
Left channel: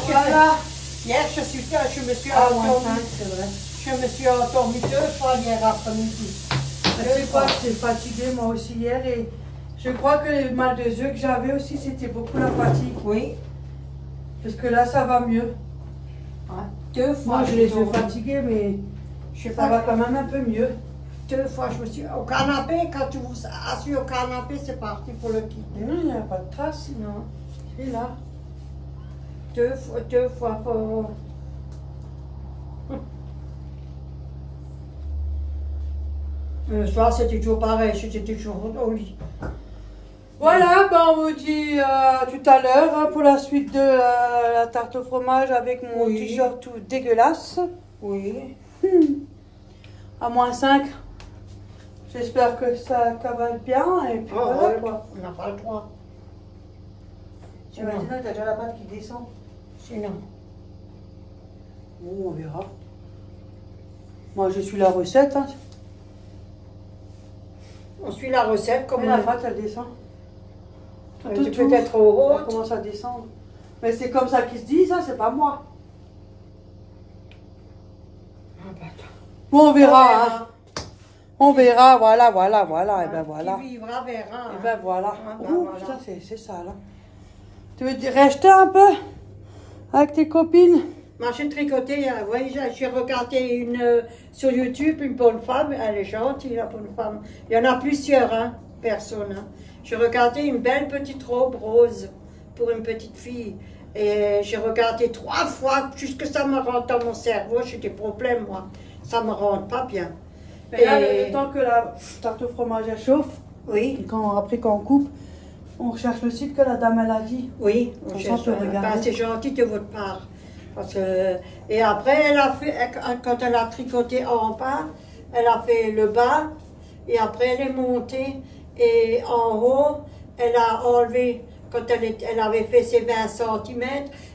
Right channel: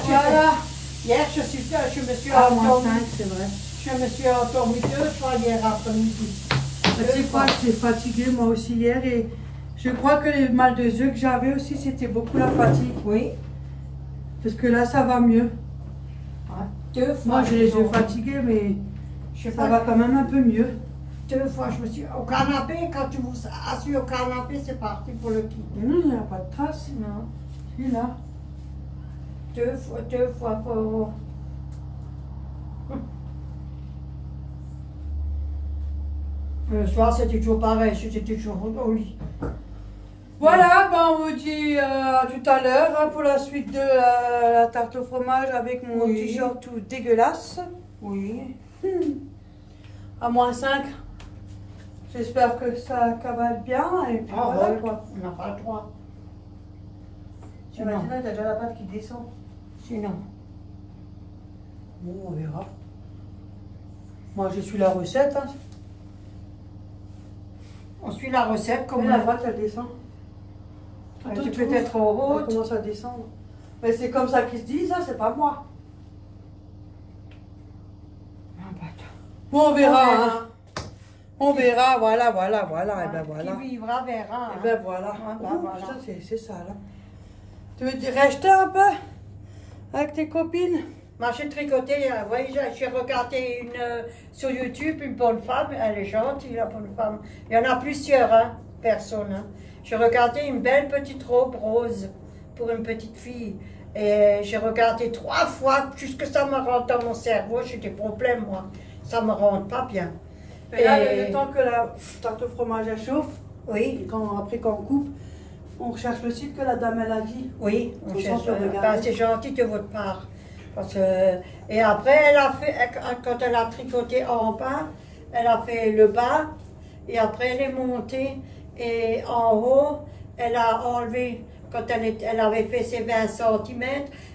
je me suis endormie. C'est vrai. Je me suis endormie 2 fois hier après-midi. C'est quoi, j'étais fatiguée moi aussi hier et je crois que le mal de yeux que j'avais aussi, c'était beaucoup la fatigue. Oui. Parce que là, ça va mieux. Ah, 2 fois. Moi, j'ai les yeux fatigués, mais Je sais ça pas. va quand même un peu mieux. 2 fois, je me suis. Au canapé, quand tu vous assis au canapé, c'est parti pour le quitter. Non, il n'y a pas de traces. Non. Si, là. 2 fois pour. Le soir, c'était toujours pareil, j'étais toujours au lit. Voilà, ben on vous dit tout à l'heure hein, pour la suite de la tarte au fromage avec mon Oui. t-shirt tout dégueulasse. Oui. À -5. J'espère que ça cavale bien et puis voilà quoi. On n'a pas le droit. Et maintenant, t'as déjà la pâte qui descend. Sinon. Bon, on verra. Moi, je suis la recette. Hein. On suit la recette comme Mais la pâte, elle descend. tu peux être au Elle haut. commence à descendre. Mais c'est comme ça qu'ils se disent, hein, c'est pas moi. Bon, on verra. Hein. On verra, voilà, et ben voilà. Qui vivra verra. Et ben voilà. Ah, ben Ouh, voilà. putain, c'est ça là. Tu veux rester un peu avec tes copines? Moi, j'ai tricoté, oui, j'ai regardé une sur YouTube, une bonne femme, elle est gentille, la bonne femme. Il y en a plusieurs, hein, personnes. Hein. J'ai regardé une belle petite robe rose pour une petite fille. Et j'ai regardé 3 fois, jusque ça me rentre dans mon cerveau, j'ai des problèmes, moi. Ça me rentre pas bien. Mais là, le temps que la tarte au fromage elle chauffe, Oui, après qu'on coupe, on recherche le site que la dame elle a dit. oui, Comme ça, cherche. on peut regarder. Ben, c'est gentil de votre part. Parce que, et après, elle a fait, quand elle a tricoté en bas, elle a fait le bas, et après elle est montée, et en haut, elle a enlevé, quand elle avait fait ses 20 cm,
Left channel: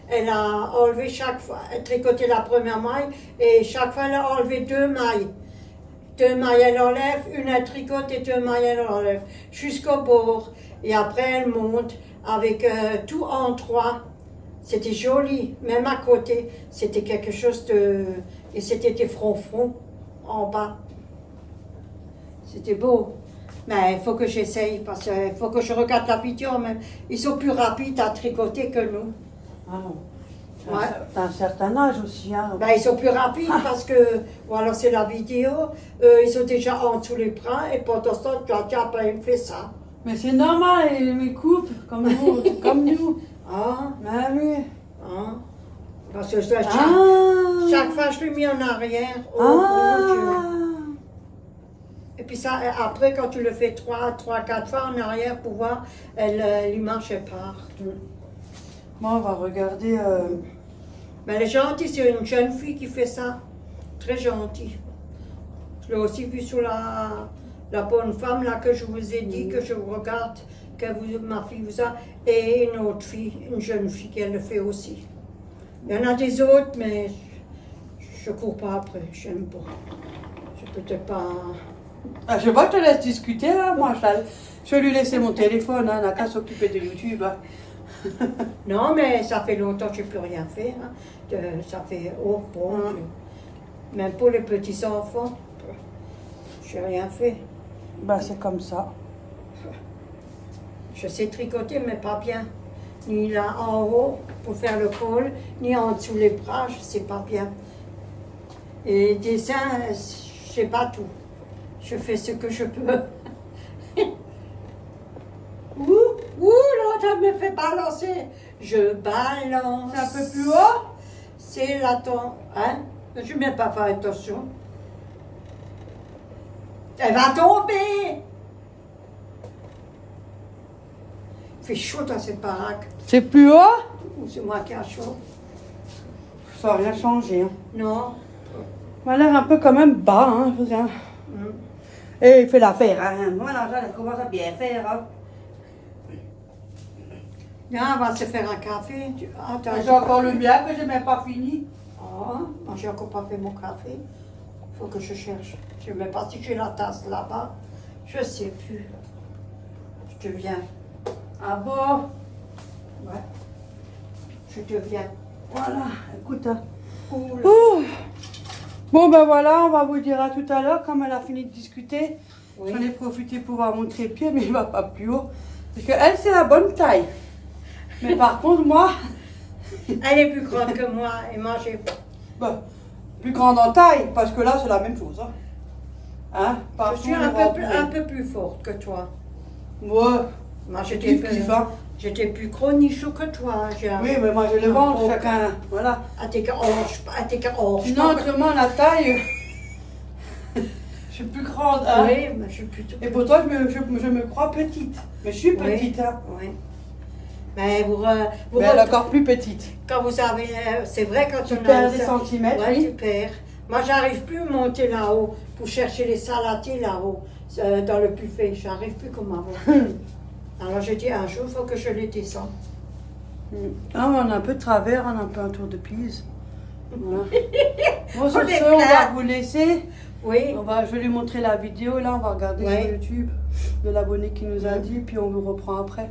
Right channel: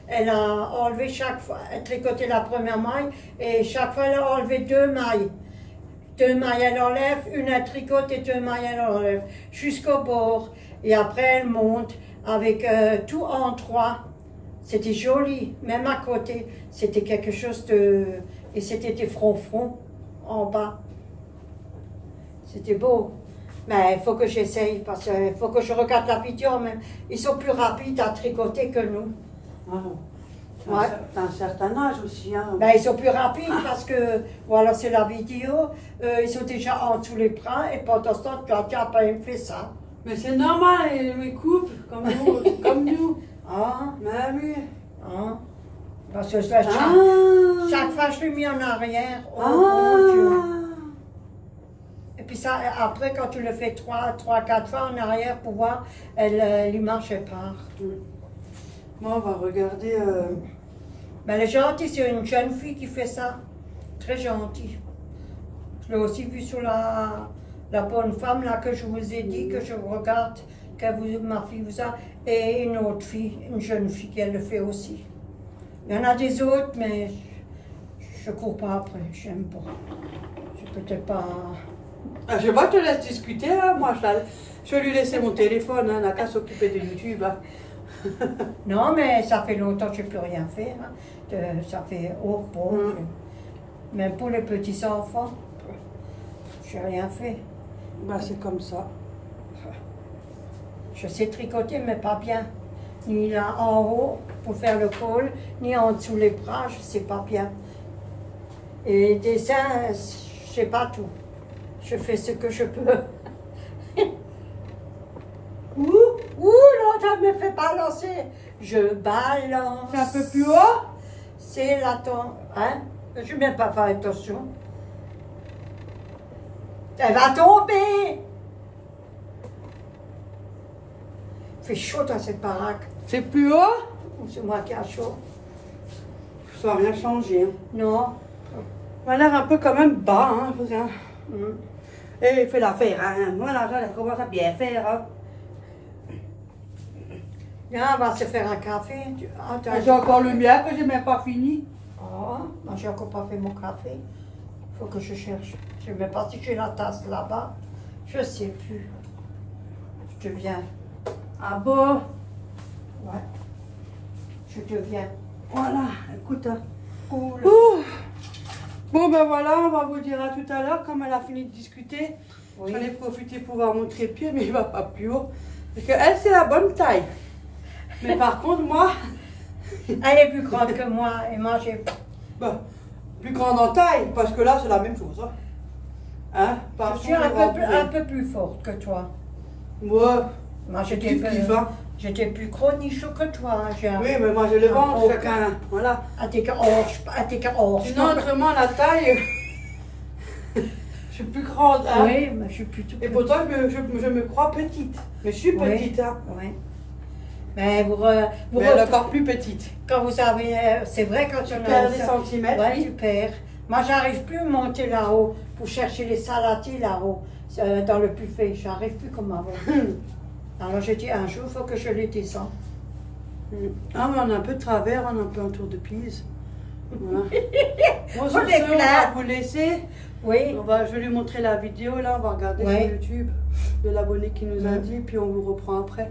elle a enlevé chaque fois, elle tricoté la première maille, et chaque fois elle a enlevé 2 mailles. 2 mailles elle enlève, une elle tricote et 2 mailles elle enlève, jusqu'au bord. Et après elle monte avec tout en 3. C'était joli, même à côté, c'était quelque chose de... Et c'était des fronts en bas. C'était beau. Mais il faut que j'essaye, parce qu'il faut que je regarde la vidéo. Mais ils sont plus rapides à tricoter que nous. Ah, Ouais. t'as un certain âge aussi. Hein, donc. Ben, ils sont plus rapides parce que, voilà, c'est la vidéo. Ils sont déjà en dessous les bras et pendant ce temps, tu as pas fait ça. Mais c'est normal, ils coupent comme nous. Comme nous. Ah, Mais oui. ah. Parce que chaque fois, je l'ai mis en arrière. Oh, mon Dieu. Et puis ça, après, quand tu le fais 3-4 fois en arrière pour voir, elle y marchait pas. Bon, on va regarder. Mais elle est gentille, c'est une jeune fille qui fait ça. Très gentille. Je l'ai aussi vu sur la bonne femme là que je vous ai dit, que je regarde, ma fille vous a, et une autre fille, une jeune fille qui elle le fait aussi. Il y en a des autres, mais je ne cours pas après, j'aime pas. Je peux peut-être pas... Ah, je vois, je te laisse discuter là, moi je vais lui laisser mon téléphone, hein, on n'a qu'à s'occuper de YouTube. Hein. Non, mais ça fait longtemps que je n'ai plus rien fait. Hein. Ça fait bon, même pour les petits enfants, je n'ai rien fait. Bah c'est comme ça. Je sais tricoter, mais pas bien. Ni là en haut pour faire le col, ni en dessous les bras, je ne sais pas bien. Et les dessins, je ne sais pas tout. Je fais ce que je peux. Ouh, non, ça me fait balancer. Je balance. C'est un peu plus haut? C'est la hein? Je ne vais même pas faire attention. Elle va tomber. Il fait chaud dans cette baraque. C'est plus haut? Ou c'est moi qui a chaud? Ça n'a rien changé. Hein. Non. On a l'air un peu quand même bas, hein, regarde. Mm. Et il fait l'affaire, hein. Voilà, ça commence à bien faire. Hein. Là, on va se faire un café. Attends, J'ai encore le mien que j'ai même pas fini. Oh, moi j'ai encore pas fait mon café. Il faut que je cherche. Je ne sais pas si j'ai la tasse là-bas. Je ne sais plus. Je te viens. Ah bon? Ouais. Je te viens. Voilà, écoute. Hein. Cool. Ouh. Bon ben voilà, on va vous dire à tout à l'heure, comme elle a fini de discuter. Oui. J'en ai profité pour vous montrer le pied, mais il ne va pas plus haut. Parce qu'elle, c'est la bonne taille. Mais par contre, moi... Elle est plus grande que moi et moi j'ai... Bon, plus grande en taille, parce que là, c'est la même chose. Hein. Hein? Je suis un peu plus forte que toi. Moi, Moi j'étais plus chronichou que toi. oui, mais moi, je les vends chacun. Voilà. À tes hanches. Sinon, autrement, la taille... je suis plus grande. Hein? Oui, mais je suis plutôt... Et pourtant, je me crois petite. Mais je suis petite. Hein? Oui. Mais mais elle est encore plus petite. Quand vous avez, c'est vrai quand tu perds des centimètres. Oui, tu perds. Moi, j'arrive plus à monter là-haut pour chercher les salatiers là-haut, dans le buffet. J'arrive plus comme avant. Alors j'ai dit un jour, il faut que je les descende. Ah, on a un peu de travers, on a un peu un tour de Pise. Voilà. Bon, sur On ce, on va vous laisser. Oui. Je vais lui montrer la vidéo, là, on va regarder sur YouTube de l'abonné qui nous a dit, puis on vous reprend après.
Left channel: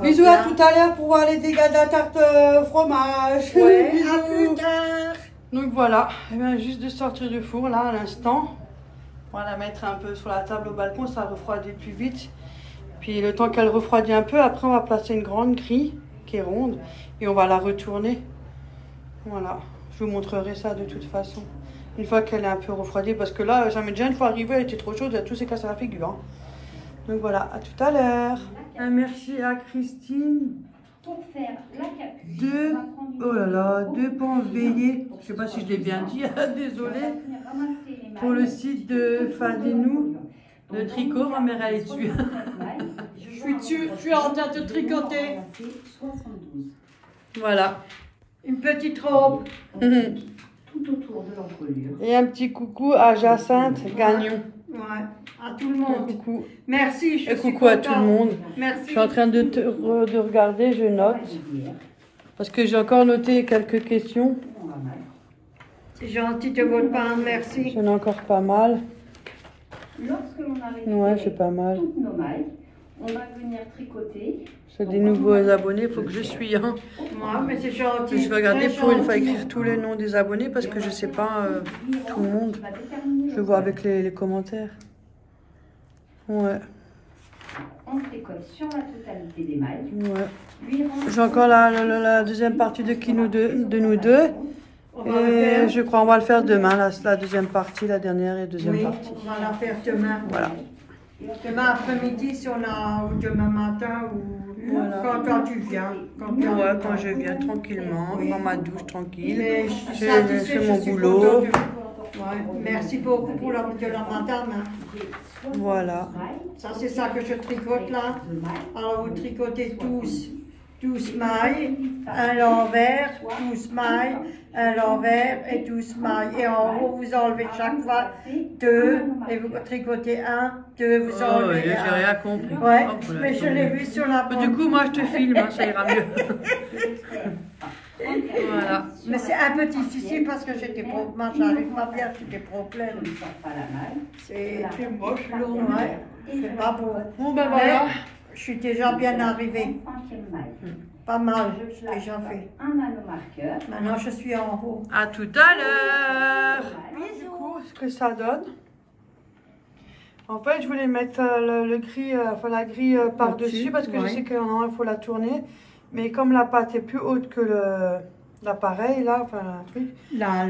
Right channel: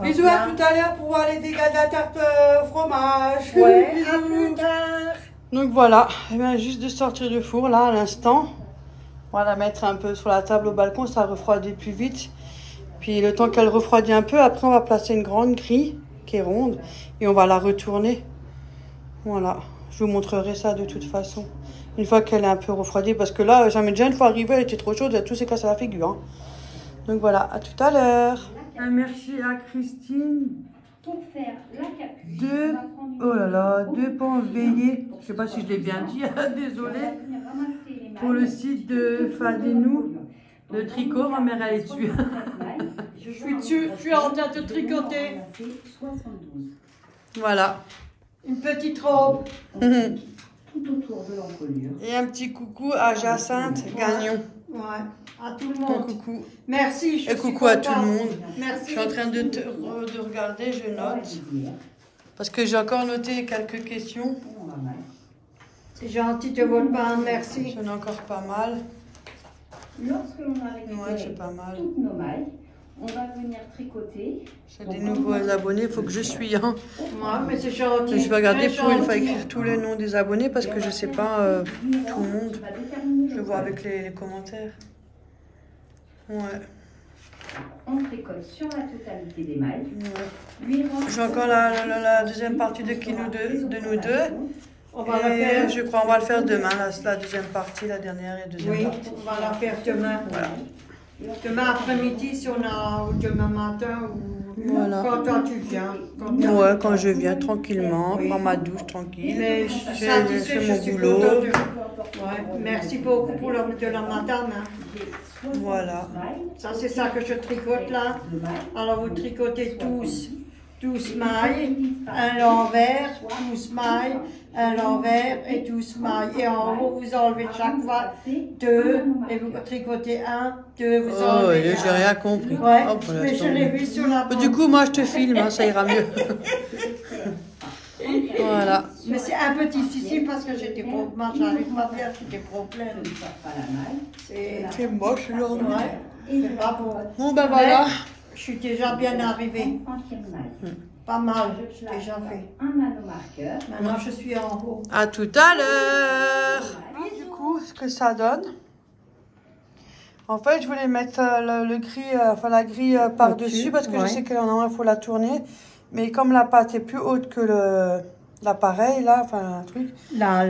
Bisous à tout à l'heure pour voir les dégâts de la tarte au fromage. Ouais, à plus tard. Donc voilà, elle vient juste de sortir du four là à l'instant. On va la mettre un peu sur la table au balcon, ça refroidit plus vite. Puis le temps qu'elle refroidit un peu, après on va placer une grande grille qui est ronde et on va la retourner. Voilà, je vous montrerai ça de toute façon. Une fois qu'elle est un peu refroidie, parce que là, ça m'est déjà une fois arrivé, elle était trop chaude, tout s'est cassé la figure. Hein. Donc voilà, à tout à l'heure. Merci à Christine. Pour faire la capuche, Deux, oh là là, 2 pans veillés. Je sais pas si je l'ai bien dit, désolée. Pour le site de Fadinou, de tricot, ma mère elle est dessus. Je suis dessus, je suis en train de tricoter. Voilà. Une petite robe. Tout autour de l'encolure. Et un petit coucou à Jacinthe Gagnon. Ouais, à tout le Un monde. coucou. Merci. Et coucou à tout le monde. Merci. Je suis en train de regarder, je note. Parce que j'ai encore noté quelques questions. C'est gentil de votre part, merci. J'en ai encore pas mal. Lorsque l'on a récupéré Ouais, j'ai pas mal. toutes nos mailles, on va venir tricoter. C'est des nouveaux abonnés, il faut que je suis. Hein. Ouais, mais c'est gentil. Je vais regarder Très pour une fois gentil. écrire tous les noms des abonnés parce que je sais pas tout le monde. Je vois avec les commentaires. Ouais. On tricote sur la totalité des mailles. Ouais. J'ai encore la deuxième partie de nous deux. On va la faire. Et je crois qu'on va le faire demain, la deuxième partie, la dernière et deuxième Oui, partie. on va la faire demain. Voilà. Demain après-midi, si on a, ou demain matin, ou Voilà. quand tu viens. Ouais, quand je viens tranquillement, Oui. prends ma douche tranquille. Mais je fais mon boulot. Ouais. Merci beaucoup pour de la madame. Hein. Voilà. Ça, c'est ça que je tricote là. Alors, vous tricotez tous 12 mailles, un l'envers, 12 mailles, un l'envers et 12 mailles. Et en haut, vous enlevez chaque fois 2 et vous tricotez 1, 2, vous enlevez j'ai rien compris. Ouais, Hop, voilà, mais je l'ai vu sur la Du coup, moi, je te filme, hein, ça ira mieux. Voilà. Mais c'est un peu difficile parce que j'ai des problèmes. Moi, j'arrive ma bien, j'ai des problèmes. C'est moche, là. ouais, c'est pas beau. Bon, ben voilà. Mais je suis déjà bien arrivée. Pas mal, j'ai déjà fait. Maintenant, je suis en haut. À tout à l'heure. Du coup, ce que ça donne. En fait, je voulais mettre le gris, enfin la grille par-dessus parce que je sais que normalement il faut la tourner. Mais comme la pâte est plus haute que l'appareil, là, enfin un truc,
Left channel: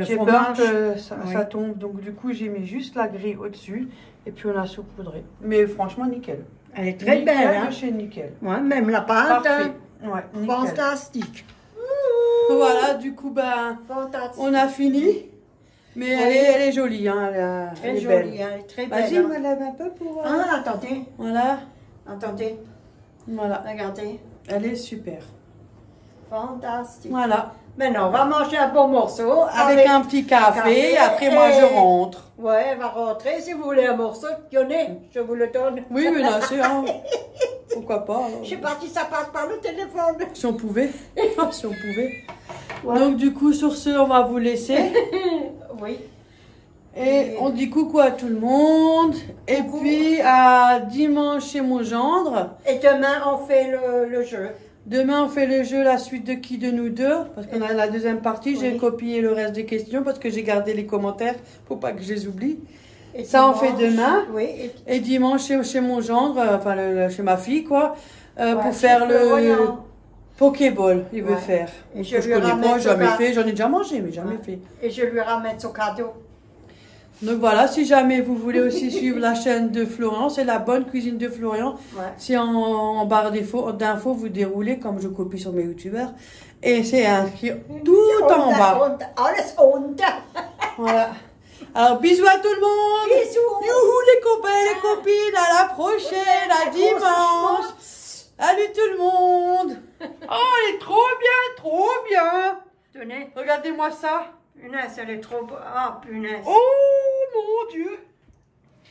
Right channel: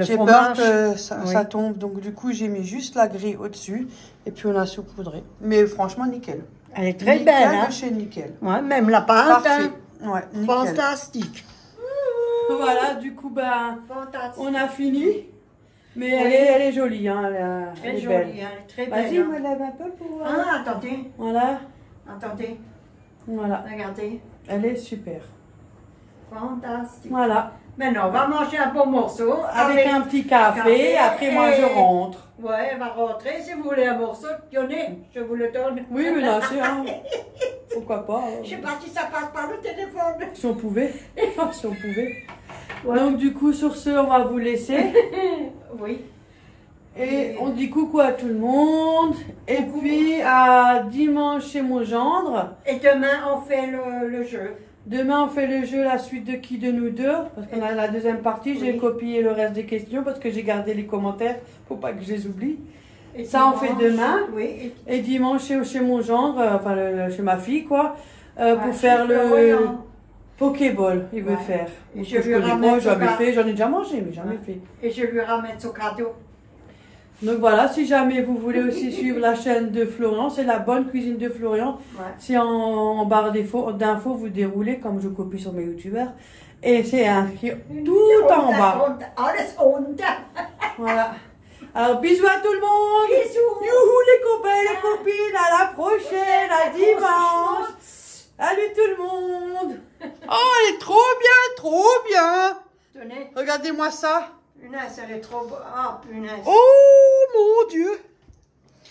j'ai peur que ça tombe. Donc du coup, j'ai mis juste la grille au-dessus et puis on a saupoudré. Mais franchement, nickel. Elle est très Nickel belle. Hein? De chez Nickel. Ouais, même la pâte. Parfait. Ouais, nickel. Fantastique. Voilà, du coup, ben, Fantastique. on a fini. Mais elle est jolie, hein, elle est Très belle. jolie, elle est très belle. Vas-y, Hein? me lève un peu pour... Ah, attendez, Voilà, attendez, voilà. regardez. Elle est super. Fantastique. Voilà. Maintenant, on va manger un bon morceau. Avec un petit café, après moi je rentre. Ouais, elle va rentrer. Si vous voulez un morceau, tenez, je vous le donne. Oui, mais là, c'est... Hein, pourquoi pas. Je sais pas si ça passe par le téléphone. Si on pouvait. Si on pouvait. Ouais. Donc, du coup, sur ce, on va vous laisser. Oui. Et on dit coucou à tout le monde. Et puis, à dimanche chez mon gendre. Et demain, on fait le jeu. Demain, on fait le jeu, la suite de qui de nous deux. Parce qu'on a la deuxième partie. J'ai copié le reste des questions parce que j'ai gardé les commentaires. Faut pas que je les oublie. Et Ça, dimanche, on fait demain. Oui. Et dimanche, chez mon gendre, enfin, chez ma fille, quoi. Ouais, pour faire le voyant. Pokéball, il veut faire. Et Je connais pas, jamais fait. J'en ai déjà mangé, mais jamais fait. Et je lui ramène son cadeau. Donc voilà, si jamais vous voulez aussi suivre la chaîne de Florian, c'est la bonne cuisine de Florian. Ouais. C'est en barre d'infos, vous déroulez comme je copie sur mes youtubeurs. Et c'est inscrit tout en bas. Voilà. Alors bisous à tout le monde. Bisous. Youhou les copains, les copines, à la prochaine, à dimanche. Salut tout le monde. Oh, elle est trop bien, trop bien. Tenez, Regardez-moi ça. punaise, elle est trop beau. Ah, punaise. Oh mon Dieu.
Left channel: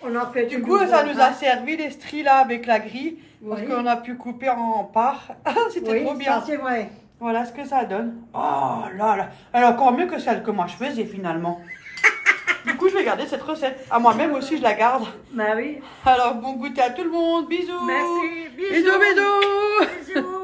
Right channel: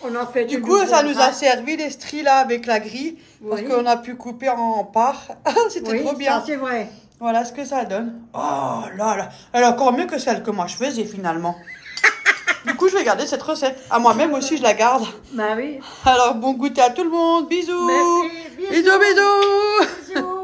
On a fait Du coup, ça nous a servi les stries là avec la grille. Parce qu'on a pu couper en parts. C'était trop bien. Ça, c'est vrai. Voilà ce que ça donne. Oh là là. Elle est encore mieux que celle que moi je faisais finalement. Du coup, je vais garder cette recette. À moi-même aussi, je la garde. Ben oui. Alors, bon goûter à tout le monde. Bisous. Merci. Bisous, bisous. Bisous.